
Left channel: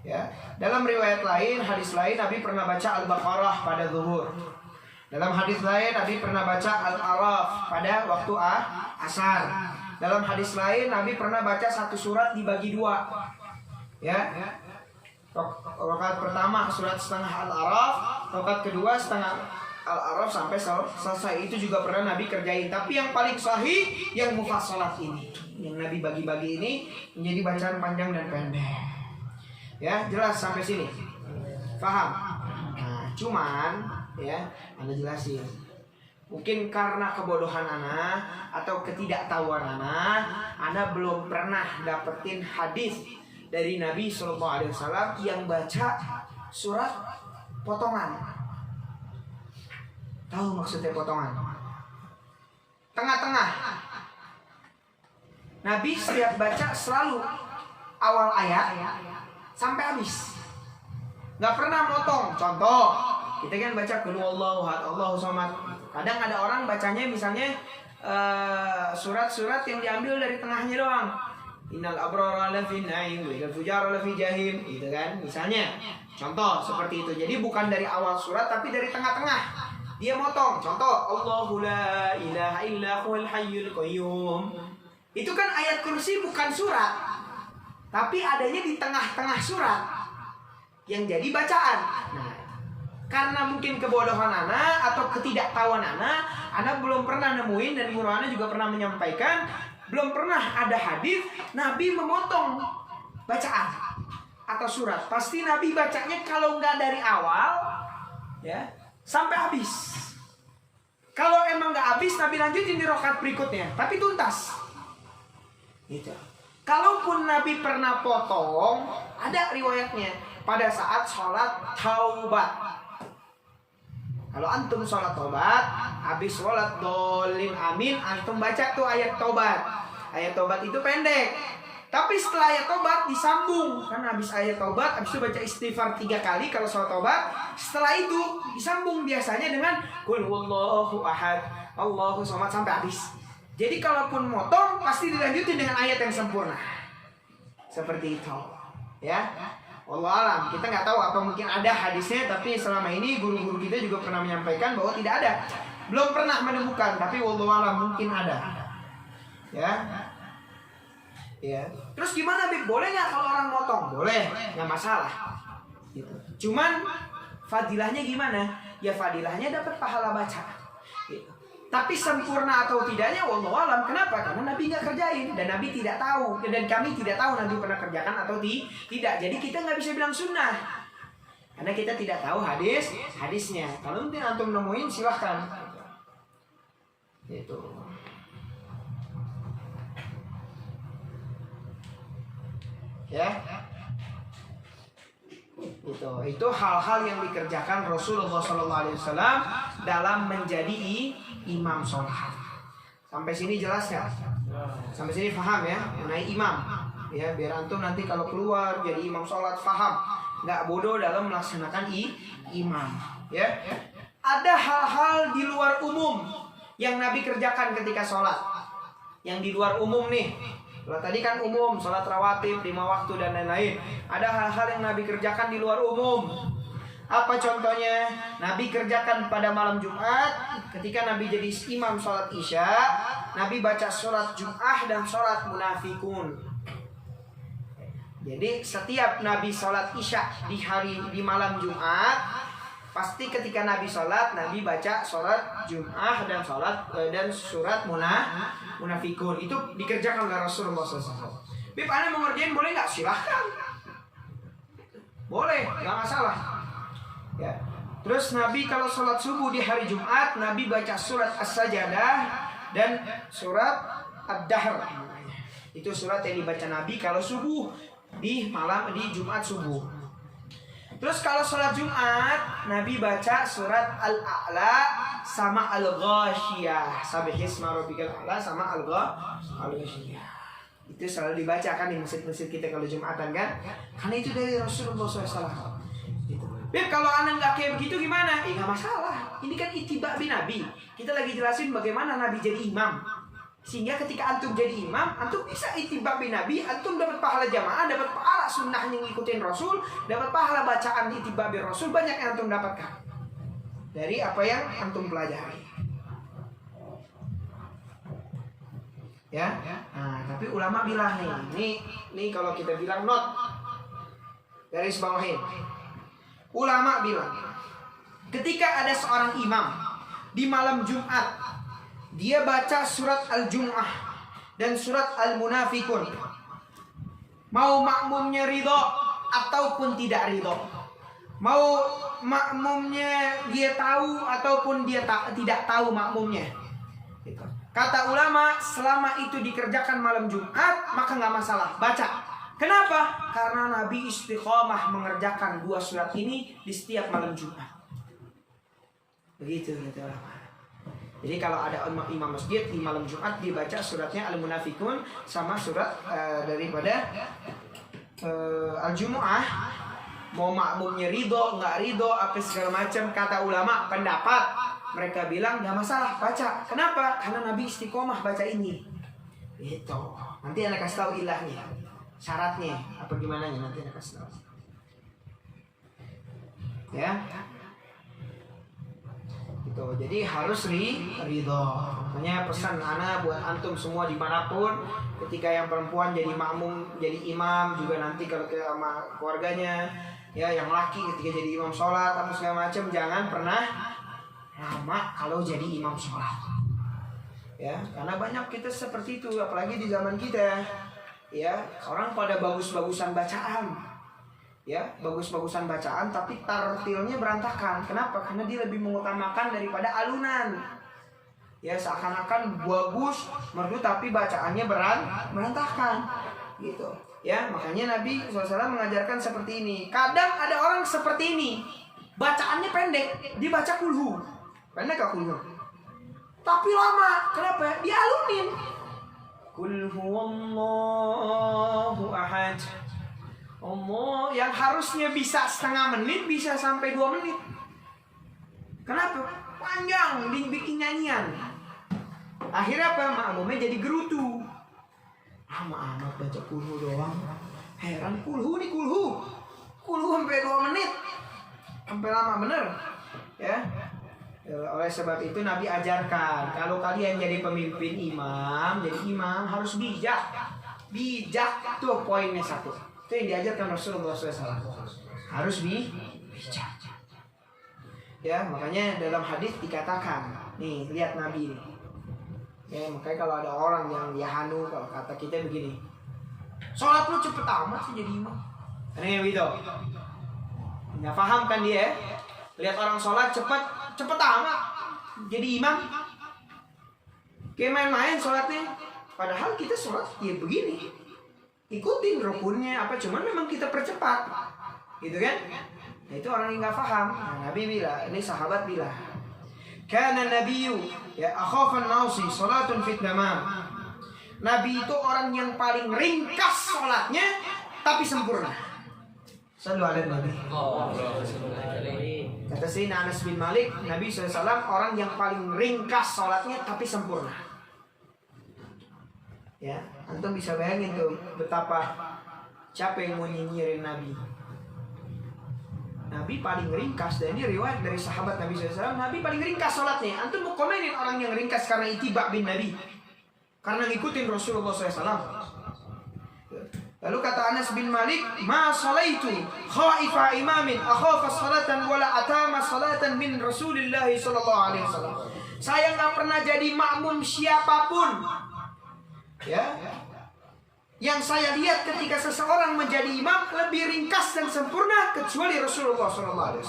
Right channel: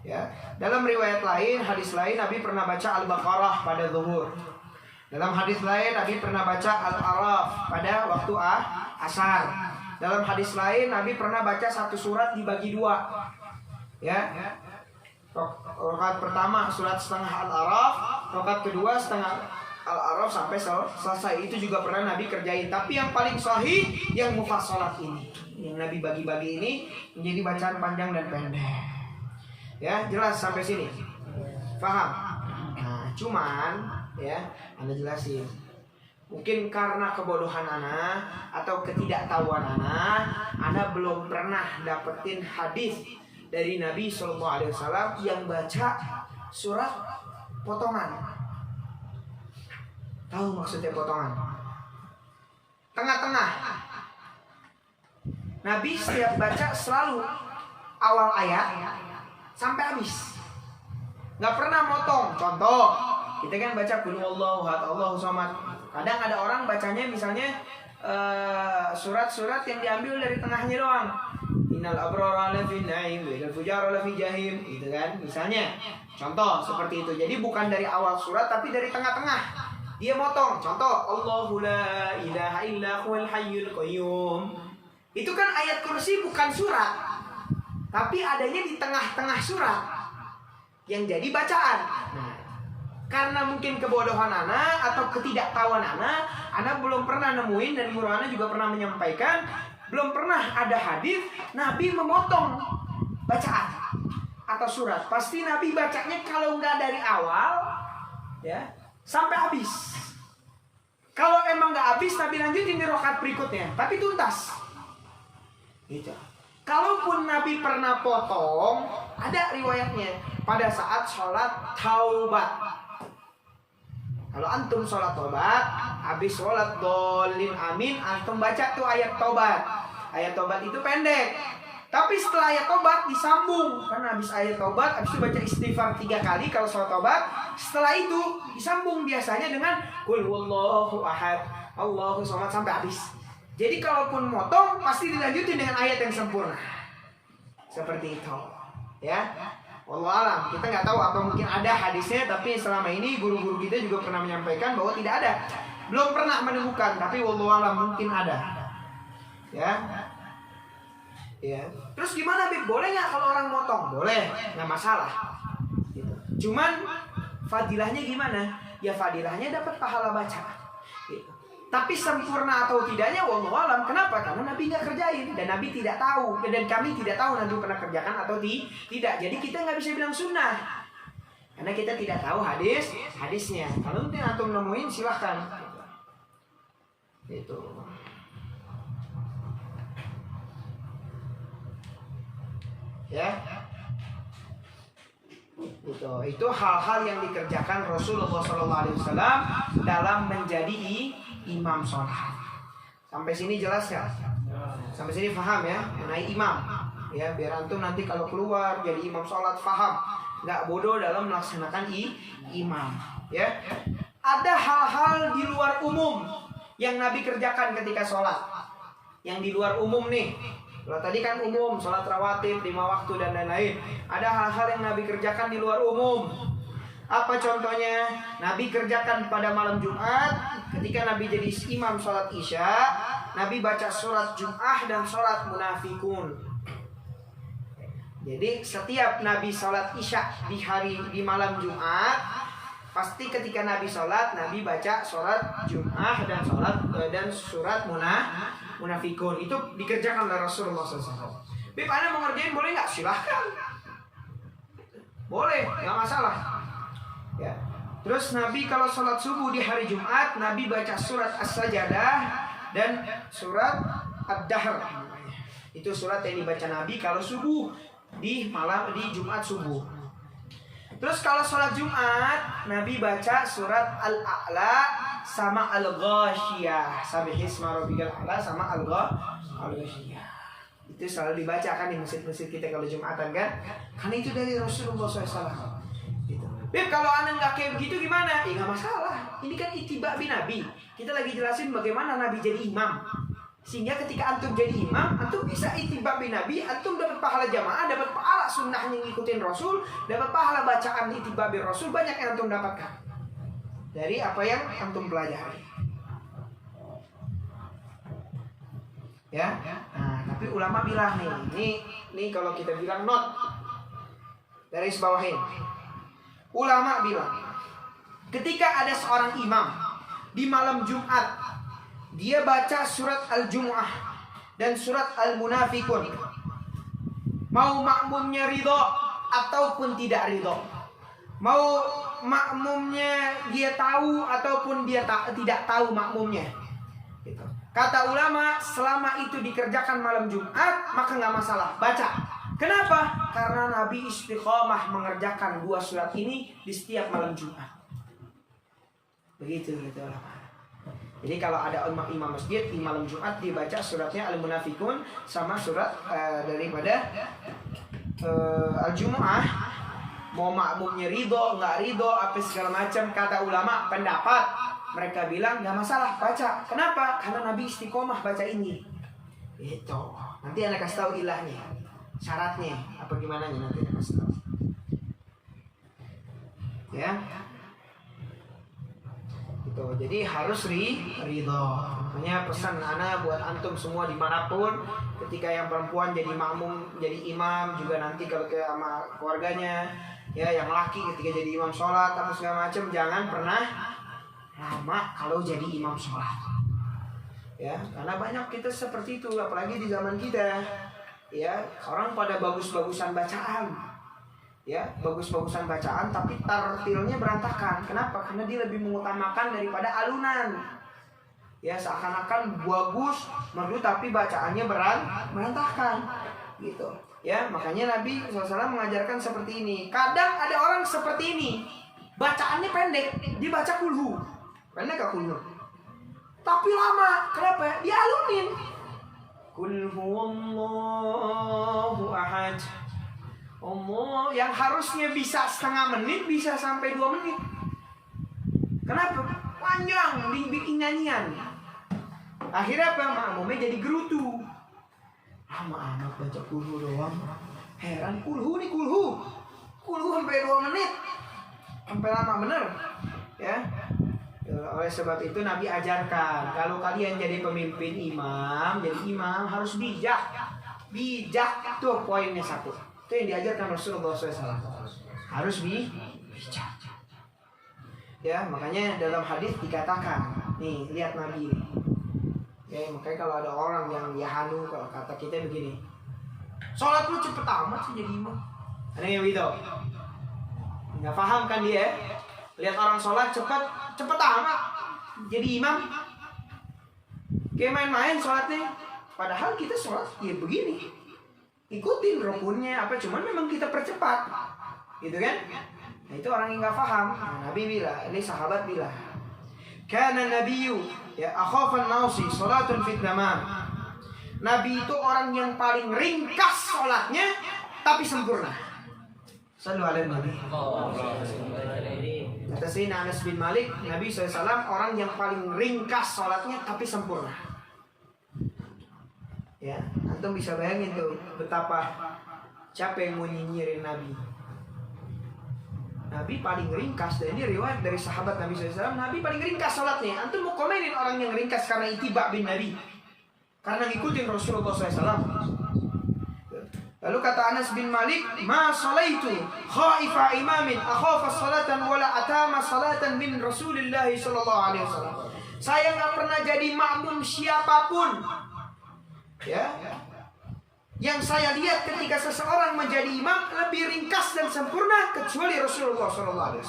Ya, dalam riwayat lain, hadis lain, Nabi pernah baca Al-Baqarah pada zuhur. Dalam hadis lain, Nabi pernah baca Al-Araf pada waktu asar. Dalam hadis lain, Nabi pernah baca satu surat dibagi dua. Ya, rakaat pertama surat setengah Al-Araf, rakaat kedua setengah Al-Araf sampai selesai. Itu juga pernah Nabi kerjain. Tapi yang paling sahih yang mufassalat ini, yang Nabi bagi-bagi ini menjadi bacaan panjang dan pendek. Ya, jelas sampai sini. Paham? Nah, cuman ya, Anda jelasin. Mungkin karena kebodohan Ana atau ketidaktahuan Ana belum pernah dapetin hadis dari Nabi SAW yang baca surat potongan. Tahu maksudnya potongan? Tengah-tengah. Nabi setiap baca selalu awal ayat sampai habis. Nggak pernah motong. Contoh, kita kan baca qul huwallahu ahad, Allahu samad. Kadang ada orang bacanya misalnya surat-surat yang diambil dari tengahnya doang. Innal abrara lafi na'im wa innal fujara lafi jahim, gitu kan? Misalnya. Contoh seperti itu. Jadi bukan dari awal surat tapi dari tengah-tengah. Dia motong. Contoh, Allahu la ilaha illa huwal hayyul qayyum. Itu kan ayat kursi bukan surat, tapi adanya di tengah-tengah surat yang jadi bacaan. Nah, karena mungkin kebodohan Ana atau ketidaktahuan Ana belum pernah nemuin, dan guru Ana juga pernah menyampaikan, belum pernah ada hadis Nabi memotong bacaan atau surat. Pasti Nabi bacanya kalau nggak dari awal, ya, sampai habis. Kalau emang nggak habis, Nabi lanjutin di rakaat berikutnya, tapi tuntas. Gitu. Kalaupun Nabi pernah potong, ada riwayatnya pada saat sholat taubat. Kalau antum sholat taubat, habis sholat dolin amin, antum baca tuh ayat taubat. Ayat taubat itu pendek, tapi setelah ayat taubat disambung. Karena habis ayat taubat, habis itu baca istighfar 3 kali kalau sholat taubat. Setelah itu disambung biasanya dengan qul huwallahu ahad, Allahu samad sampai habis. Jadi kalaupun motong pasti dilanjutin dengan ayat yang sempurna. Seperti itu. Ya. Wallahu alam, kita nggak tahu apa mungkin ada hadisnya, tapi selama ini guru-guru kita juga pernah menyampaikan bahwa tidak ada. Belum pernah menemukan, tapi wallahu alam mungkin ada. Ya. Ya. Terus gimana, Bib? Boleh nggak kalau orang motong? Boleh, nggak masalah. Gitu. Cuman fadilahnya gimana? Ya fadilahnya dapat pahala baca. Gitu. Tapi sempurna atau tidaknya wallahu alam. Kenapa? Karena Nabi nggak kerjain dan Nabi tidak tahu, dan kami tidak tahu Nabi pernah kerjakan atau tidak. Jadi kita nggak bisa bilang sunnah karena kita tidak tahu hadisnya. Kalau mungkin antum nemuin silahkan. Gitu. Ya. Itu hal-hal yang dikerjakan Rasulullah SAW dalam menjadi imam sholat. Sampai sini jelas ya? Sampai sini paham ya mengenai imam. Ya, biar antum nanti kalau keluar jadi imam sholat paham, nggak bodoh dalam melaksanakan imam. Ya, ada hal-hal di luar umum yang Nabi kerjakan ketika sholat. Yang di luar umum nih. Kalau tadi kan umum, sholat rawatib, 5 waktu dan lain-lain. Ada hal-hal yang Nabi kerjakan di luar umum. Apa contohnya? Nabi kerjakan pada malam Jumat, ketika Nabi jadi imam sholat Isya, Nabi baca sholat Jum'ah dan sholat Munafikun. Jadi setiap Nabi sholat Isya di malam Jumat, pasti ketika Nabi sholat, Nabi baca sholat Jum'ah dan surat Munafikun. Itu dikerjakan oleh Rasulullah SAW. Bib, Anda mau ngerjain boleh nggak? Silahkan. Boleh, nggak masalah. Ya. Terus Nabi kalau sholat subuh di hari Jumat, Nabi baca surat As-Sajadah dan surat Ad-Dahr. Itu surat yang dibaca Nabi kalau subuh di Jumat subuh. Terus kalau sholat Jumat, Nabi baca surat Al-A'la sama Al-Ghashiyah. Sabbihisma rabbikal a'la sama Al-Ghashiyah. Itu selalu dibaca kan di masjid-masjid kita kalau Jumatan kan? Karena itu dari Rasulullah SAW. Gitu. Beb, kalau anda nggak kayak begitu gimana? Ya nggak masalah. Ini kan ittiba bin Nabi. Kita lagi jelasin bagaimana Nabi jadi imam. Sehingga ketika antum jadi imam, antum bisa ittiba bin Nabi, antum dapat pahala jamaah, dapat pahala sunnah yang ngikutin Rasul, dapat pahala bacaan ittiba bin Rasul, banyak yang antum dapatkan dari apa yang antum pelajari. Ya. Nah, tapi ulama bilang nih kalau kita bilang not garis bawahin. Ulama bilang, ketika ada seorang imam di malam Jumat, dia baca surat Al-Jum'ah dan surat Al-Munafikun, mau makmumnya ridho ataupun tidak ridho, mau makmumnya dia tahu ataupun dia tidak tahu makmumnya. Gitu. Kata ulama, selama itu dikerjakan malam Jumat, maka nggak masalah, baca. Kenapa? Karena Nabi istiqomah mengerjakan 2 surat ini di setiap malam Jumat. Begitu gitu ulama. Jadi kalau ada imam masjid di malam Jumat, dibaca suratnya Al-Munafikun sama surat daripada Al-Jumu'ah. Mau makmumnya ridho, nggak ridho, apa segala macam, kata ulama pendapat, mereka bilang nggak masalah, baca. Kenapa? Karena Nabi istiqomah baca ini. Itu. Nanti anak kasih tahu ilahnya, syaratnya apa gimana nya, nanti anak kasih tahu. Ya. Gitu. Jadi harus ridho. Makanya pesan anak buat antum semua dimanapun, ketika yang perempuan jadi makmum, jadi imam, juga nanti kalau ke sama keluarganya, ya yang laki ketika jadi imam sholat atau segala macam, jangan pernah lama kalau jadi imam sholat. Ya, karena banyak kita seperti itu, apalagi di zaman kita. Ya, orang pada bagus-bagusan bacaan. Ya, bagus-bagusan bacaan tapi tartilnya berantakan. Kenapa? Karena dia lebih mengutamakan daripada alunan. Ya, seakan-akan bagus merdu tapi bacaannya berantakan. Gitu. Ya, makanya Nabi SAW mengajarkan seperti ini. Kadang ada orang seperti ini, bacaannya pendek, dia baca kulhu. Pendek gak kulhu? Tapi lama. Kenapa ya? Dia alunin. Qul huwallahu ahad. Allah, yang harusnya bisa setengah menit bisa sampai 2 menit. Kenapa? Panjang, dibikin nyanyian. Akhirnya apa? Makmumnya jadi gerutu. Lama amat baca kulhu doang. Heran, kulhu nih kulhu. Kulhu sampai 2 menit. Sampai lama bener. Ya. Oleh sebab itu Nabi ajarkan, kalau kalian jadi pemimpin imam, jadi imam harus bijak. Bijak itu poinnya 1. Itu yang diajarkan Rasulullah SAW. Harus bijak. Ya, makanya dalam hadis dikatakan, nih lihat Nabi ini. Ya, makanya kalau ada orang yang yahanu, kalau kata kita begini, sholat lu cepet amat sih jadi imam. Aneh gitu. Nggak paham kan dia? Lihat orang sholat cepet amat jadi imam. Kayak main-main sholatnya. Padahal kita sholat ya begini, ikutin rukunnya apa, cuman memang kita percepat, gitu kan? Nah, itu orang yang nggak paham. Nah, Nabi bilang, ini sahabat bilang, Kana nabiyyu ya akhafan nausi salatun fit tamam. Nabi itu orang yang paling ringkas salatnya tapi sempurna. Sallu alaihi nabi. Kata Sayyidina Anas bin Malik, Nabi SAW orang yang paling ringkas salatnya tapi sempurna. Ya, antum bisa bayangin tuh betapa siapa yang mau nyinyirin Nabi. Nabi paling ringkas, dan ini riwayat dari sahabat Nabi SAW. Nabi paling ringkas salatnya. Antum mau komenin orang yang ringkas karena ittiba bin Nabi, karena ngikutin Rasulullah SAW. Lalu kata Anas bin Malik, ma salaitu khaifa imamin akhafa salatan wala atama salatan min Rasulillah sallallahu alaihi wasallam. Saya nggak pernah jadi makmum siapapun, ya, yang saya lihat ketika seseorang menjadi imam lebih ringkas dan sempurna kecuali Rasulullah SAW.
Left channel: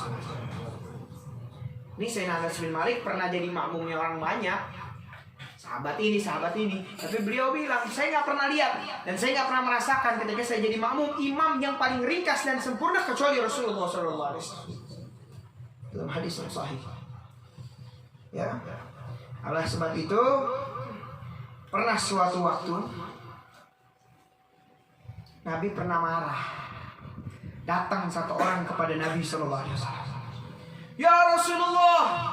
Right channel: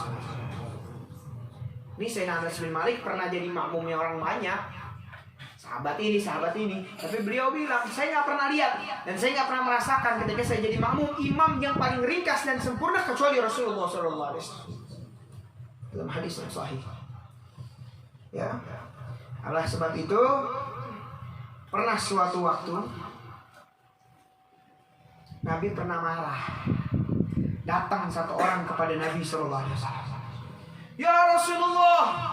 Ini Sayyidina Anas bin Malik pernah jadi makmumnya orang banyak, sahabat ini. Tapi beliau bilang, saya nggak pernah lihat dan saya nggak pernah merasakan ketika saya jadi makmum imam yang paling ringkas dan sempurna kecuali Rasulullah SAW. Dalam hadis yang sahih. Ya, oleh sebab itu pernah suatu waktu Nabi pernah marah. Datang satu orang kepada Nabi SAW. Ya Rasulullah,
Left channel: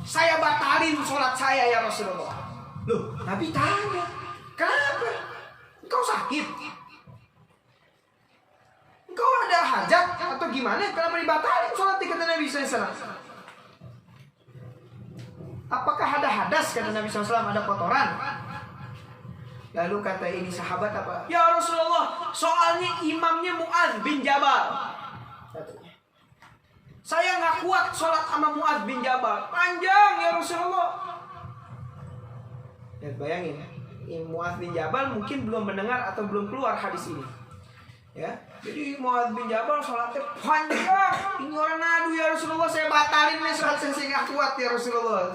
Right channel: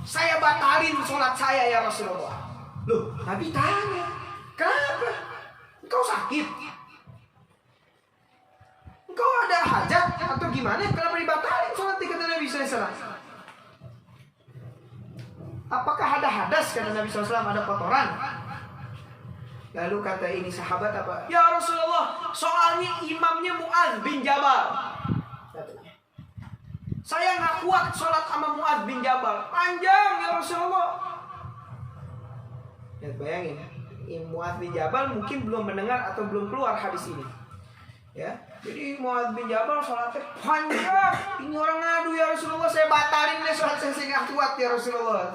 saya batalin sholat saya ya Rasulullah. Loh, Nabi tanya, kenapa? Engkau sakit? Engkau ada hajat atau gimana? Kenapa dibatalin sholat? Kata Nabi SAW. Apakah ada hadas? Kata Nabi SAW, ada kotoran. Lalu kata ini sahabat apa? Ya Rasulullah, soalnya imamnya Mu'adz bin Jabal. Katanya, saya nggak kuat sholat sama Mu'adz bin Jabal. Panjang ya Rasulullah. Ya, bayangin, Mu'adz bin Jabal mungkin belum mendengar atau belum keluar hadis ini. Ya, jadi Mu'adz bin Jabal sholatnya panjang. Ini orang ngadu, ya Rasulullah, saya batalin nih sholat saya nggak kuat ya Rasulullah.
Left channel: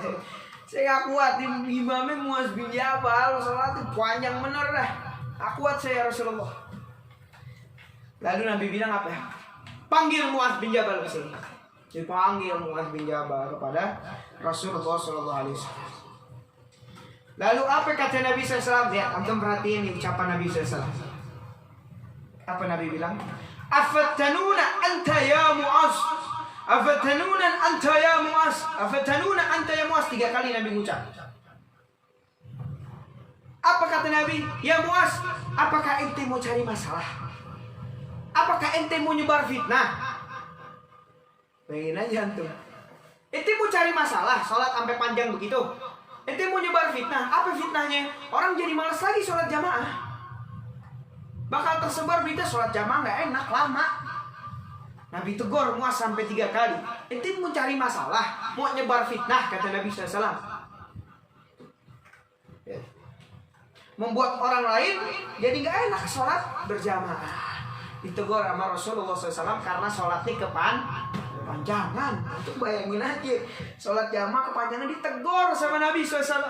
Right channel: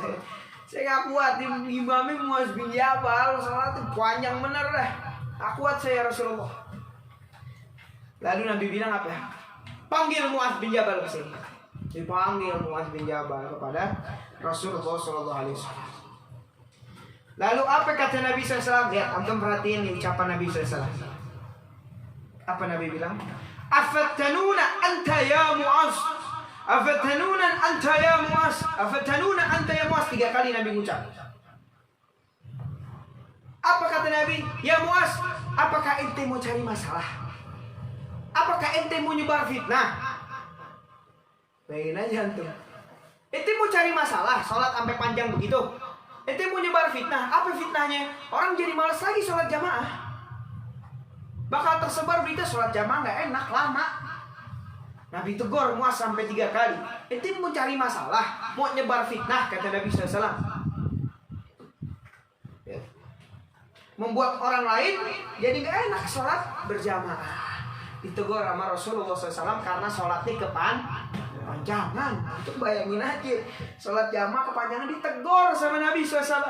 Saya gak kuat, imamnya Mu'adz bin Jabal sholatnya panjang bener dah. Gak kuat saya Rasulullah. Lalu Nabi bilang apa ya? Panggil Mu'adz bin Jabal ke sini. Dipanggil Mu'adz bin Jabal kepada Rasulullah SAW. Lalu apa kata Nabi SAW? Ya, antum perhatiin nih ucapan Nabi SAW. Apa Nabi bilang? Afattanuna anta ya Mu'adz. Afatanuna anta ya Mu'adz. Afatanuna anta ya Mu'adz. 3 kali Nabi ucap. Apa kata Nabi? Ya Mu'adz, apakah ente mau cari masalah? Apakah ente mau nyebar fitnah? Bayangin aja antum. Ente mau cari masalah, sholat sampai panjang begitu. Ente mau nyebar fitnah. Apa fitnahnya? Orang jadi malas lagi sholat jamaah. Bakal tersebar berita sholat jamaah gak enak, lama. Nabi tegur Mu'adz sampai 3 kali. Ente mau cari masalah, mau nyebar fitnah, kata Nabi SAW. Ya. Membuat orang lain jadi gak enak sholat berjamaah. Ditegur sama Rasulullah SAW karena sholatnya kepanjangan. Itu bayangin aja, sholat jamaah kepanjangan ditegur sama Nabi SAW.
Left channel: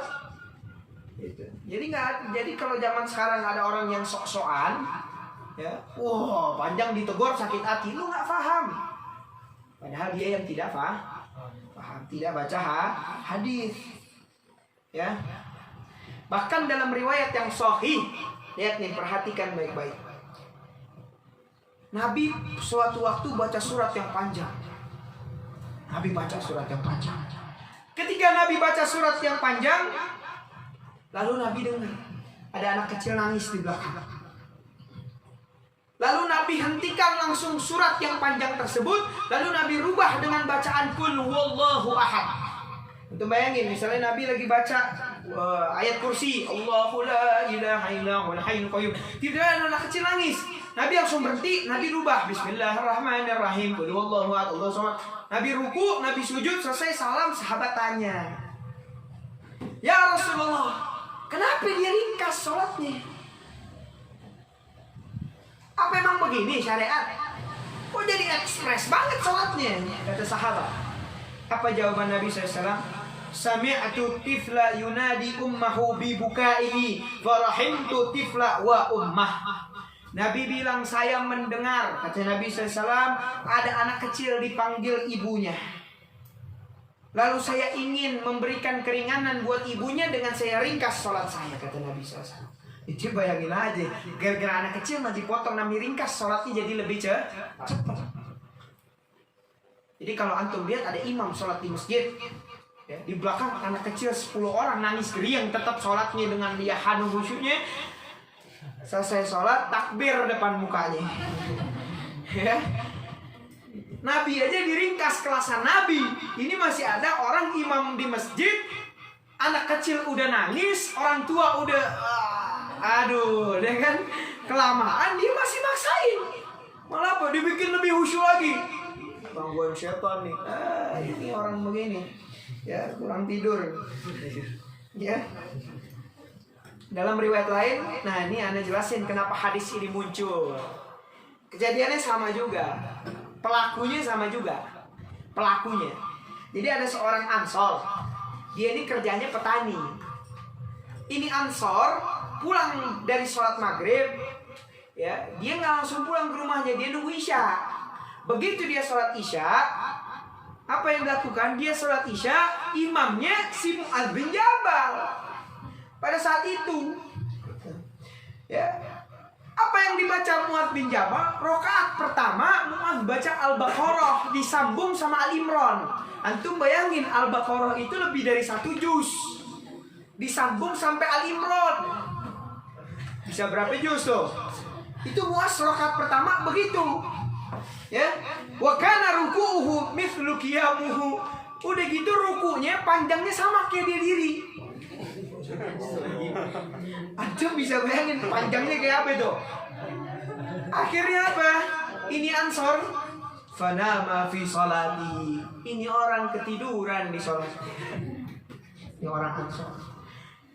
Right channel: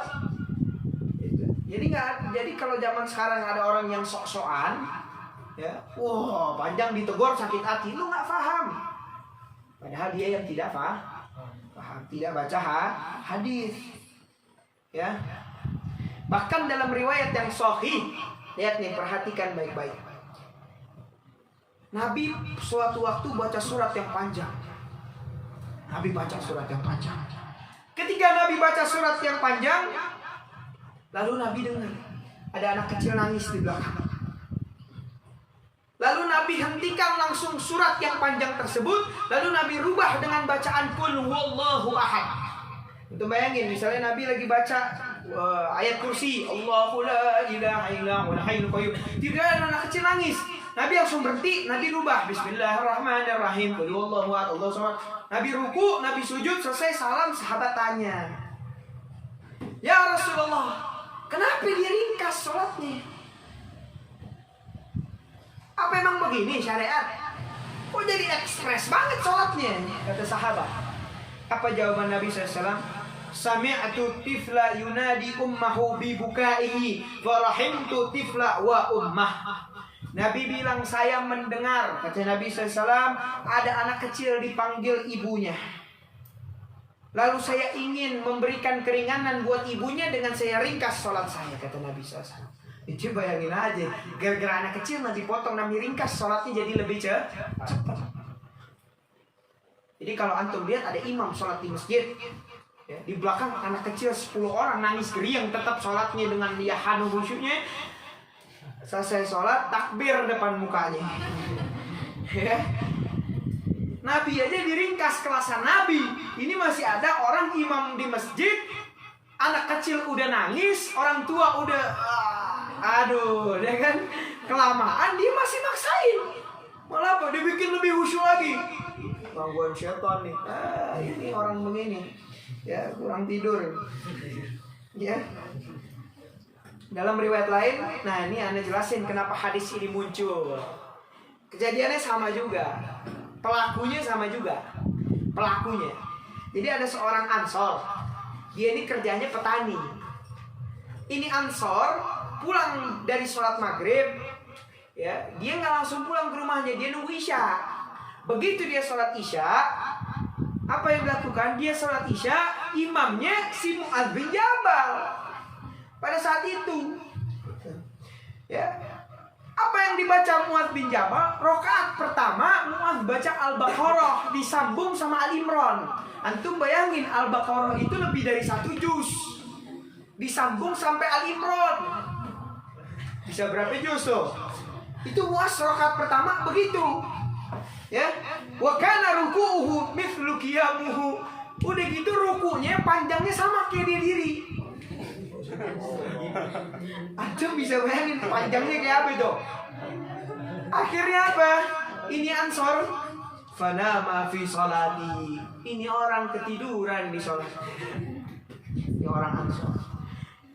Jadi kalau zaman sekarang ada orang yang sok-sokan, ya, panjang ditegur sakit hati, lu nggak paham. Padahal dia yang tidak paham, tidak baca hadis. Ya, bahkan dalam riwayat yang sahih, lihat nih, perhatikan baik-baik. Nabi suatu waktu baca surat yang panjang. Nabi baca surat yang panjang. Ketika Nabi baca surat yang panjang, lalu Nabi dengar ada anak kecil nangis di belakang. Lalu Nabi hentikan langsung surat yang panjang tersebut. Lalu Nabi rubah dengan bacaan Qul huwallahu ahad. Untuk bayangin, misalnya Nabi lagi baca ayat kursi, Allahu la ilaha illa huwal hayyul qayyum. Tiba-tiba anak kecil nangis. Nabi langsung berhenti, Nabi rubah Bismillahirrahmanirrahim, Qul huwallahu ahad, Allahu samad. Nabi ruku, Nabi sujud, selesai salam, sahabat tanya, ya Rasulullah, kenapa dia ringkas sholatnya? Apa emang begini syariat? Kok jadi ekspres banget sholatnya? Kata sahabat. Apa jawaban Nabi SAW? Sami'tu tifla yunadi ummahu bibukaihi farahimtu tifla wa ummah. Nabi bilang, saya mendengar, kata Nabi SAW, ada anak kecil dipanggil ibunya. Lalu saya ingin memberikan keringanan buat ibunya dengan saya ringkas sholat saya, kata Nabi SAW. Itu bayangin aja, gara-gara anak kecil Nabi potong, Nabi ringkas sholatnya jadi lebih cepat. Jadi kalau antum lihat ada imam sholat di masjid, ya, di belakang anak kecil 10 orang nangis geriang tetap sholatnya dengan dia hanu khusyuknya. Selesai sholat takbir depan mukanya. Ya. Nabi aja diringkas kelasan Nabi. Ini masih ada orang imam di masjid, anak kecil udah nangis, orang tua udah aduh, dia kan kelamaan, dia masih maksain. Malah apa? Dibikin lebih khusyuk lagi. Gangguan setan nih. Ini orang begini. Ya, kurang tidur. Ya. Dalam riwayat lain, nah ini Anda jelasin kenapa hadis ini muncul. Kejadiannya sama juga. Pelakunya sama juga. Pelakunya. Jadi ada seorang Ansor. Dia ini kerjanya petani. Ini Ansor pulang dari sholat maghrib, ya, dia nggak langsung pulang ke rumahnya, dia nunggu isya. Begitu dia sholat isya, apa yang dilakukan? Dia sholat isya, imamnya si Mu'adz bin Jabal. Pada saat itu, ya, apa yang dibaca Mu'adz bin Jabal? Rokaat pertama Mu'adz baca Al-Baqarah disambung sama Al-Imran. Antum bayangin Al-Baqarah itu lebih dari 1 juz, disambung sampai Al-Imran. Bisa berapa juz tuh? Itu Mu'adz rokaat pertama begitu. Ya, wa kana ruku'uhu mithlu qiyamuhu. Udah gitu rukunya panjangnya sama kayak dia diri. Antum bisa bayangin panjangnya kayak apa itu? Akhirnya apa? Ini Ansor fanama fi sholati. Ini orang ketiduran di sholat. Ini orang Ansor.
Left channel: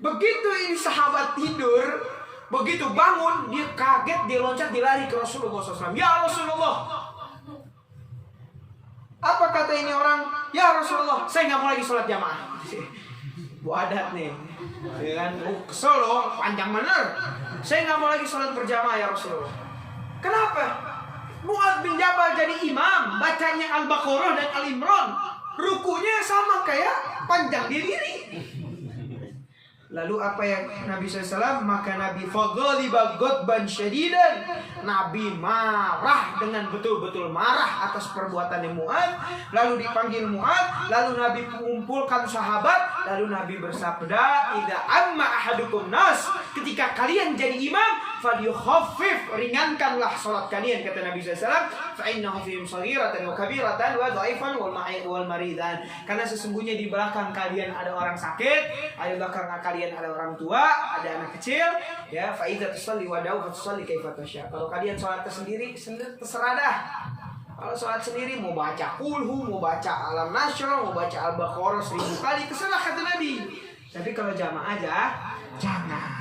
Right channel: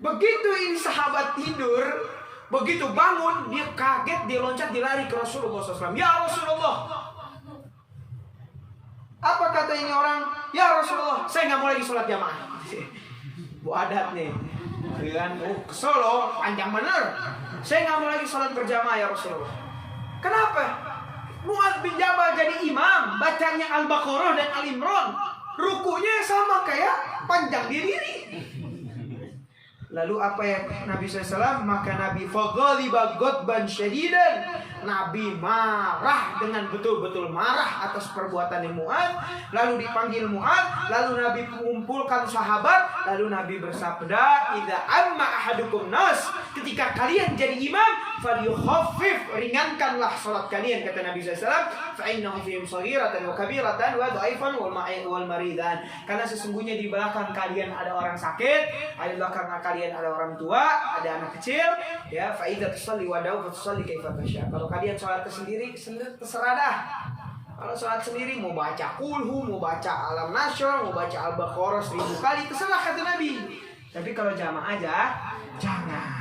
Begitu ini sahabat tidur, begitu bangun dia kaget, dia loncat, dia lari ke Rasulullah SAW. Ya Rasulullah, apa kata ini orang? Ya Rasulullah, saya nggak mau lagi sholat jamaah. Bu adat nih, kan? Kesel loh, panjang bener. Saya nggak mau lagi sholat berjamaah ya Rasulullah. Kenapa? Mu'adz bin Jabal jadi imam, bacanya Al-Baqarah dan Al-Imran, rukunya sama kayak panjang dia diri. Lalu apa yang Nabi SAW? Maka Nabi faghaliba ghadban syadidan. Nabi marah dengan betul-betul marah atas perbuatan Mu'adz. Lalu dipanggil Mu'adz, lalu Nabi mengumpulkan sahabat, lalu Nabi bersabda, "Idza amma ahadukum nas." Ketika kalian jadi imam, falyukhaffif, ringankanlah salat kalian, kata Nabi SAW. Fa innahu fihim shaghiratan wa kabiratan wa dhaifan wal maridan. Karena sesungguhnya di belakang kalian ada orang sakit, di belakang kalian ada orang tua, ada anak kecil, ya. Fa idza tusalli wa da'u fa tusalli kaifa tasya. Kalau kalian sholat sendiri terserah dah. Kalau sholat sendiri mau baca kulhu, mau baca alam nasyr, mau baca Al-Baqarah 1000 kali, terserah kata Nabi. Tapi kalau jamaah aja jangan.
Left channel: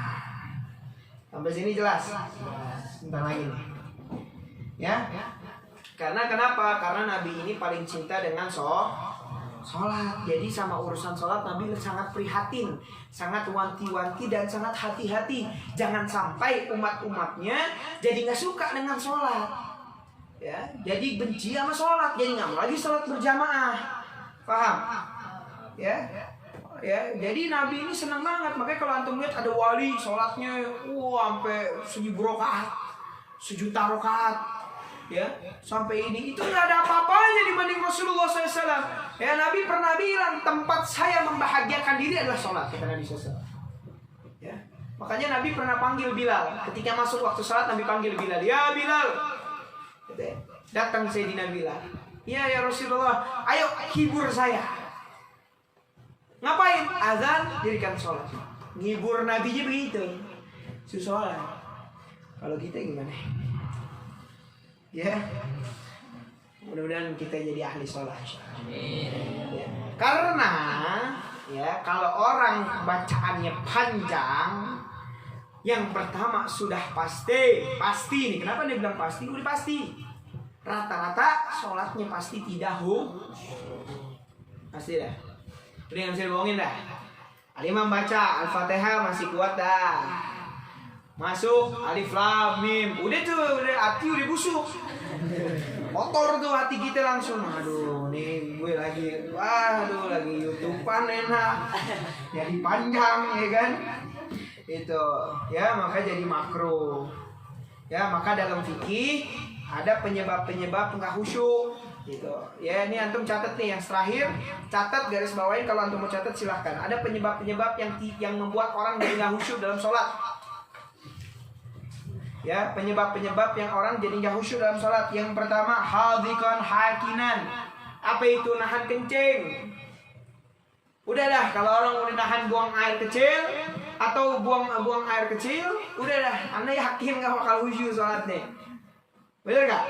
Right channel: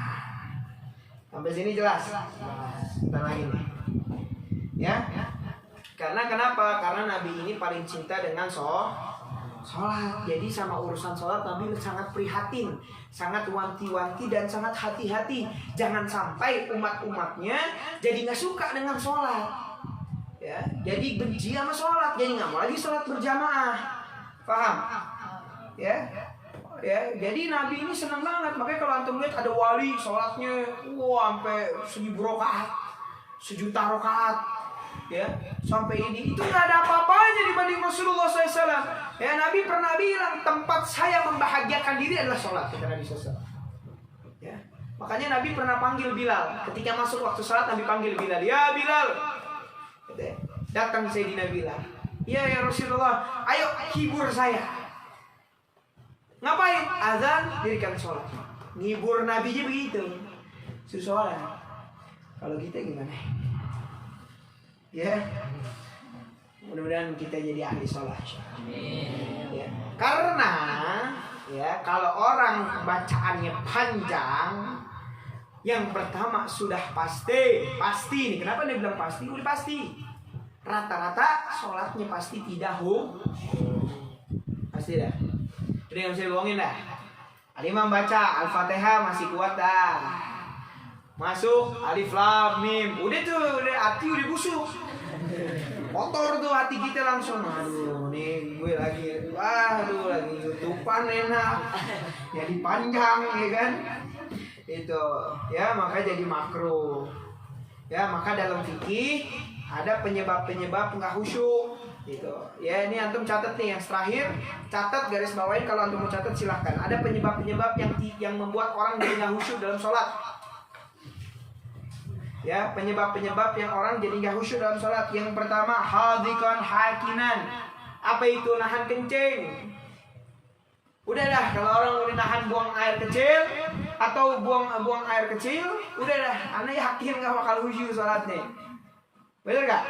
Sampai sini jelas? Bentar lagi nih. Ya. Karena kenapa? Karena Nabi ini paling cinta dengan sholat. Jadi sama urusan sholat Nabi sangat prihatin, sangat wanti-wanti dan sangat hati-hati. Jangan sampai umat-umatnya jadi nggak suka dengan sholat, ya. Jadi benci sama sholat, jadi nggak mau lagi sholat berjamaah. Paham? Ya. Ya, jadi Nabi ini senang banget. Makanya kalau antum lihat ada wali sholatnya, sampai 1000 rakaat, 1.000.000 rakaat, ya, sampai ini itu nggak ada apa-apanya dibanding Rasulullah SAW. Ya, Nabi pernah bilang tempat saya membahagiakan diri adalah sholat, kata Nabi SAW. Ya, makanya Nabi pernah panggil Bilal ketika masuk waktu sholat. Nabi panggil Bilal, ya Bilal, datang Sayyidina Bilal. Ya Rasulullah, ayo hibur saya. Ngapain? Azan, dirikan sholat. Ngibur Nabi aja begitu. Sholat. Kalau kita gimana? Ya, mudah-mudahan kita jadi ahli sholat. Ya. Karena ya, kalau orang bacaannya panjang, yang pertama sudah pasti nih. Kenapa dia bilang pasti? Udah pasti. Rata-rata sholatnya pasti tidak pasti dah. Udah yang bisa bohongin dah. Al-Imam baca Al-Fatihah masih kuat dah. Masuk Alif Lam Mim. Udah tuh, udah hati udah busuk. kotor tuh hati kita langsung. Aduh, nih gue lagi, lagi YouTubean enak, jadi panjang ya kan. Itu ya, maka jadi makruh. Ya, maka dalam fikih ada penyebab-penyebab nggak khusyuk gitu. Ya, ini antum catat nih yang terakhir, catat garis bawain kalau antum mau catat silahkan. Ada penyebab-penyebab yang membuat orang jadi nggak khusyuk dalam sholat. Ya, penyebab-penyebab yang orang jadi nggak khusyuk dalam sholat. Yang pertama, hadhikan hakinan. Apa itu? Nahan kencing. Udah dah, kalau orang udah nahan buang air kecil atau buang air kecil, udah dah, anda yakin nggak bakal khusyuk sholatnya. Bener gak?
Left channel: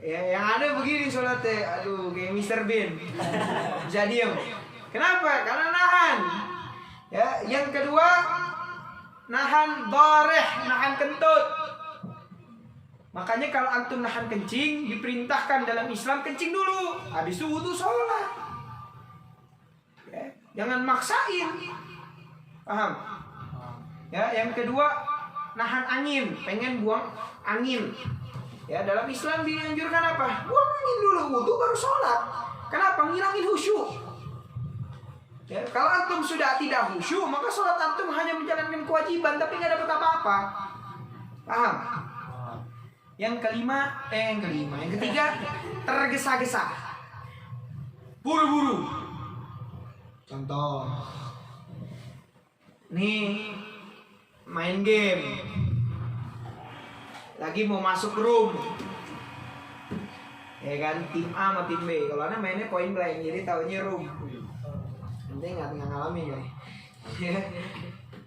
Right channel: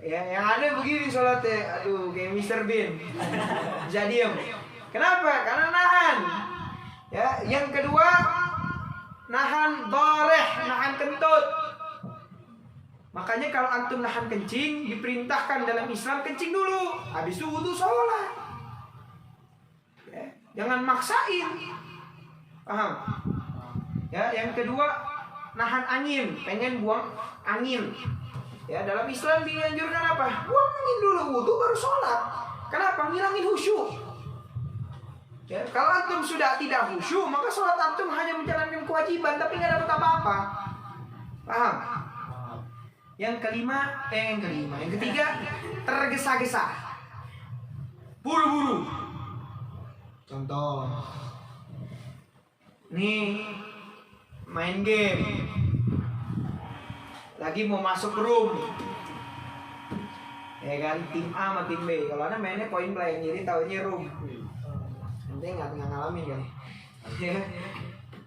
Ya, yang ada begini sholatnya, aduh kayak Mr. Bean, bisa diem. Kenapa? Karena nahan. Ya, yang kedua, nahan doreh, nahan kentut. Makanya kalau antum nahan kencing, diperintahkan dalam Islam kencing dulu, habis itu wudu sholat. Ya, jangan maksain. Paham? Ya, yang kedua, nahan angin, pengen buang angin. Ya, dalam Islam dianjurkan apa? Buang angin dulu, wudu baru sholat. Kenapa? Ngilangin khusyuk. Ya, kalau antum sudah tidak khusyuk, maka sholat antum hanya menjalankan kewajiban, tapi nggak dapat apa-apa. Paham? Yang ketiga, tergesa-gesa, buru-buru. Contoh, nih main game, lagi mau masuk room, ya kan, tim A sama tim B. Kalau anak mainnya point blank, jadi taunya room. Nanti nggak ngalamin ya.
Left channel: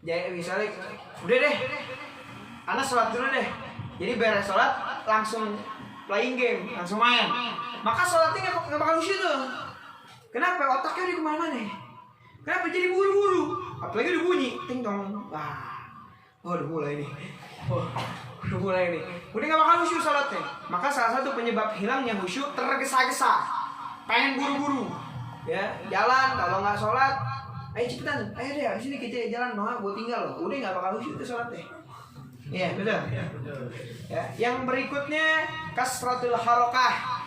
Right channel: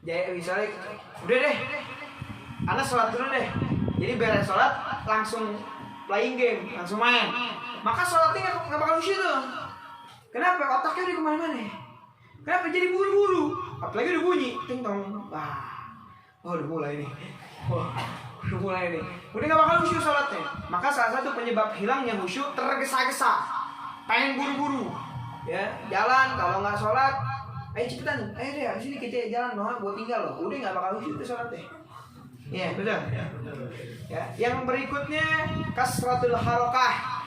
Jadi misalnya, udah deh, anak sholat dulu deh. Jadi beres sholat langsung playing game, langsung main. Maka sholatnya nggak bakal khusyuk tuh. Kenapa? Otaknya udah kemana-mana. Kenapa? Jadi buru-buru. Apalagi udah bunyi, ting tong. Udah mulai nih. Udah mulai nih. Udah nggak bakal khusyuk sholatnya. Maka salah satu penyebab hilangnya khusyuk tergesa-gesa, pengen buru-buru. Ya, jalan kalau nggak sholat, ayo cepetan, ayo deh, abis ini kita jalan, gue tinggal loh. Udah nggak bakal khusyuk tuh sholatnya. Iya, betul. Ya, yang berikutnya kasratul harokah,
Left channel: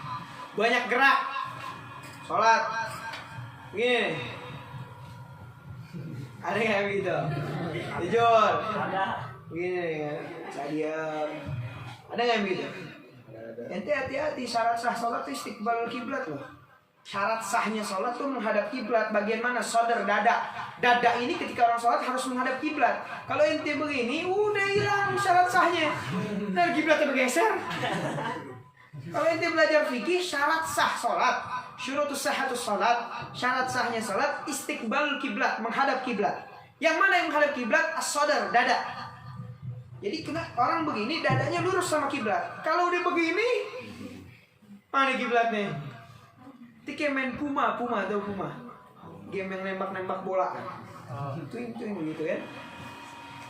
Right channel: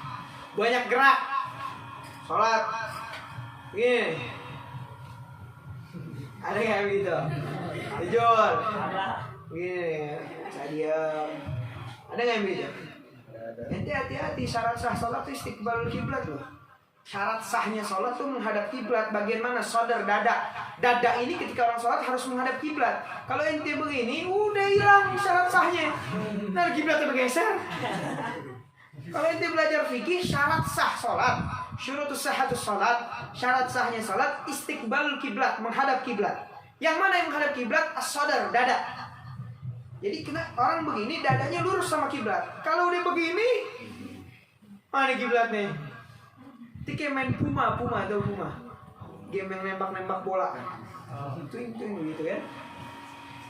banyak gerak, sholat. Gini, ada nggak begitu? Jujur, gini, saya diam. Ada nggak begitu? Ente hati-hati, syarat sah sholat itu istiqbal kiblat loh. Syarat sahnya sholat tuh menghadap kiblat. Bagian mana? Sodar, dada. Dada ini ketika orang sholat harus menghadap kiblat. Kalau ente begini, udah hilang syarat sahnya. Nah, kiblatnya bergeser. Kalau ente belajar fikih, syarat sah sholat, syurutus sahhatus sholat, syarat sahnya sholat istiqbal kiblat, menghadap kiblat. Yang mana yang menghadap kiblat? As-sodar, dada. Jadi kena orang begini, dadanya lurus sama kiblat. Kalau udah begini, mana kiblatnya? Itu kayak main Puma atau Puma, game yang nembak bola kan. Itu yang begitu kan.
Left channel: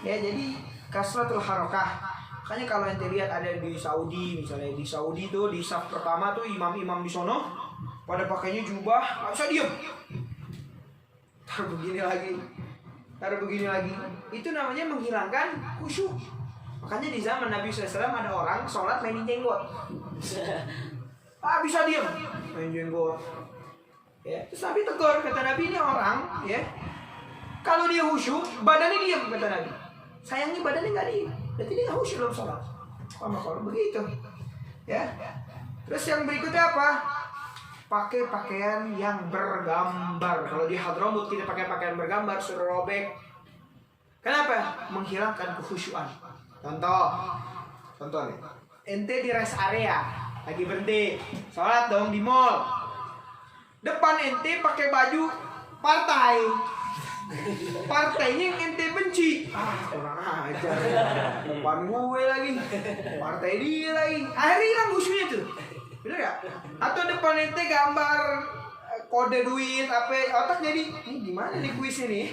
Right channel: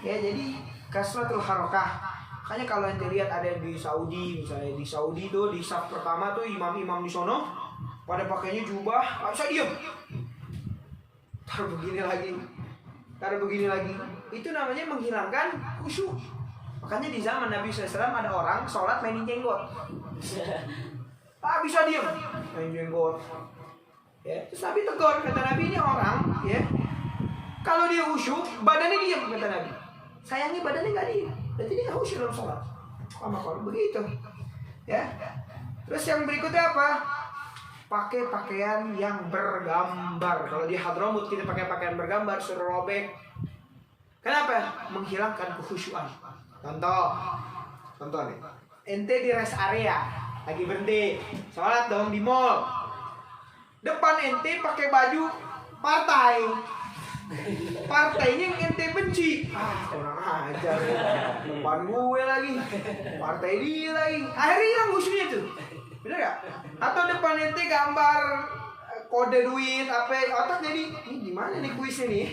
Ya, jadi kasratul harokah. Makanya kalau ente lihat ada di Saudi, misalnya di Saudi tuh di saf pertama tuh imam-imam di sono pada pakainya jubah, nggak bisa diem. Taruh begini lagi. Itu namanya menghilangkan khusyuk. Makanya di zaman Nabi SAW ada orang sholat mainin jenggot. Bisa diem, main jenggot. Ya, terus Nabi tegur, kata Nabi, ini orang, ya, kalau dia khusyuk, badannya diam, kata Nabi. Sayangnya badannya nggak diam, berarti dia nggak khusyuk dalam sholat. Sama kalau begitu, ya. Terus yang berikutnya apa? Pakai pakaian yang bergambar. Kalau di Hadramut kita pakai pakaian bergambar, suruh robek. Kenapa? Menghilangkan kekhusyuan. Contoh nih, ente di rest area lagi berhenti, sholat dong di mall. Depan ente pakai baju partai, partainya yang ente benci. Orang ajar ya. Depan gue lagi, partai dia lagi. Akhirnya hilang khusyuknya tuh, bener gak? Atau depan ente gambar kode duit apa, otak jadi ini gimana nih kuisnya nih?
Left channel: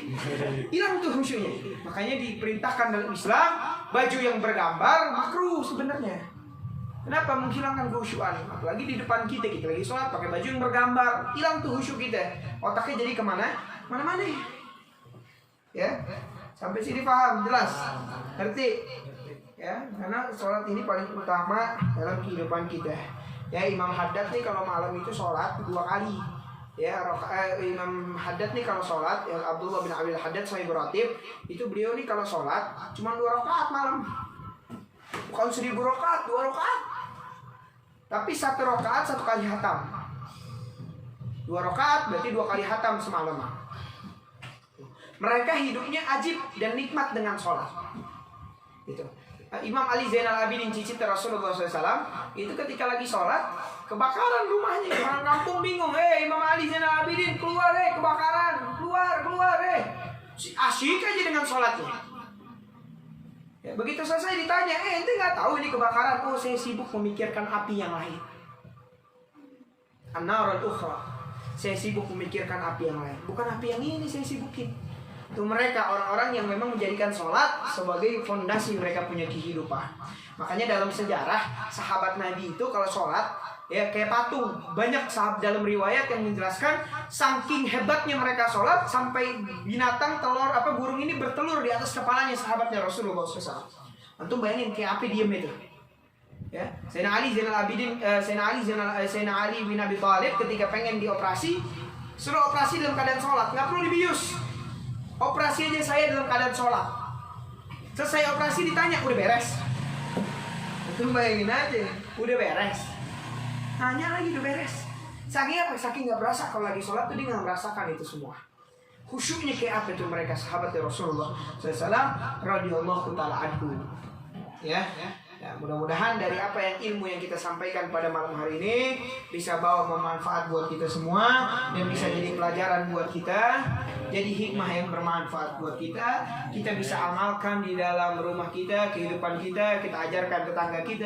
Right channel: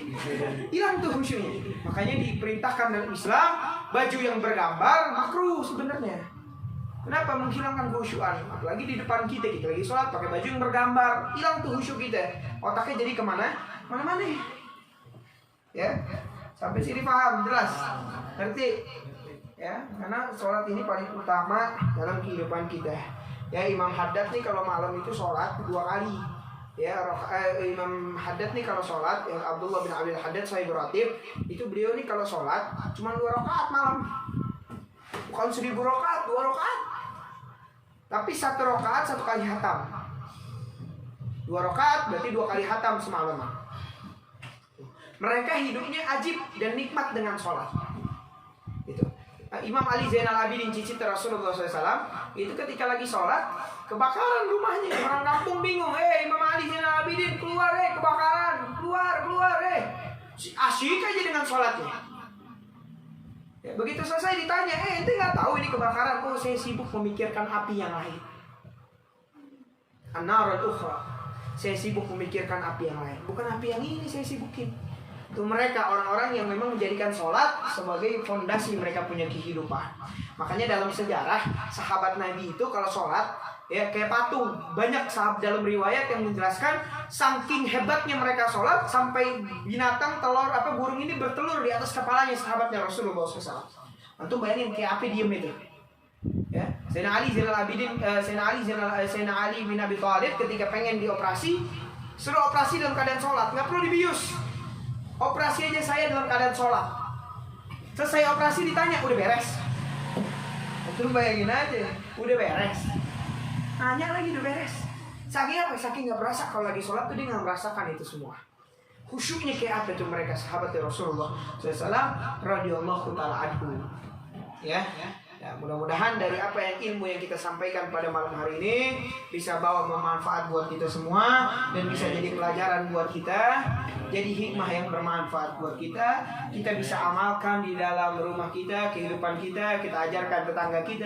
Hilang tuh khusyuknya. Makanya diperintahkan dalam Islam baju yang bergambar makruh sebenarnya. Kenapa? Menghilangkan khusyuan. Apalagi di depan kita lagi sholat pakai baju yang bergambar, hilang tuh khusyuk kita. Otaknya jadi kemana? Mana-mana. Ya, sampai sini paham, jelas, ngerti? Ya, karena sholat ini paling utama dalam kehidupan kita. Ya, Imam Haddad nih kalau malam itu sholat 2 kali. Ya, Imam Haddad nih kalau sholat, yang Abdullah bin Abil Haddad Sahib Ratib, itu beliau nih kalau sholat cuma 2 rakaat malam. Bukan 1000 rakaat, 2 rakaat. Tapi 1 rakaat 1 kali hatam. 2 rakaat berarti 2 kali hatam semalam. Mereka hidupnya ajib dan nikmat dengan sholat. Itu. Imam Ali Zainal Abidin cicit Rasulullah SAW itu ketika lagi sholat kebakaran rumahnya. Orang kampung bingung. Imam Ali Zainal Abidin keluar kebakaran, keluar asyik aja dengan sholatnya. Ya, begitu selesai ditanya, ente nggak tahu ini kebakaran? Oh, saya sibuk memikirkan api yang lain. An-narul ukhra. Saya sibuk memikirkan api yang lain. Bukan api yang ini saya sibukin. Itu mereka orang-orang yang memang menjadikan sholat sebagai fondasi mereka punya kehidupan. Makanya dalam sejarah sahabat Nabi itu kalau sholat ya kayak patung. Banyak sahabat dalam riwayat yang menjelaskan saking hebatnya mereka sholat sampai binatang burung ini bertelur di atas kepalanya sahabatnya Rasulullah SAW. Antum bayangin kayak api diem itu. Ya, Sayyidina Ali Zainal Abidin, Sayyidina Ali bin Abi Thalib ketika pengen dioperasi, suruh operasi dalam keadaan sholat, nggak perlu dibius. Operasi aja saya dalam keadaan sholat. Selesai operasi ditanya, udah beres? Antum bayangin aja, udah beres. Nanya lagi udah beres. Saking apa? Saking nggak berasa kalau lagi sholat tuh dia nggak merasakan itu semua. Khusyuknya kayak apa itu mereka sahabat Rasulullah SAW radhiyallahu taala anhu. Ya, mudah-mudahan dari apa yang ilmu yang kita sampaikan pada malam hari ini bisa bawa bermanfaat buat kita semua dan bisa jadi pelajaran buat kita, jadi hikmah yang bermanfaat buat kita. Kita bisa amalkan di dalam rumah kita, kehidupan kita, kita ajarkan tetangga kita.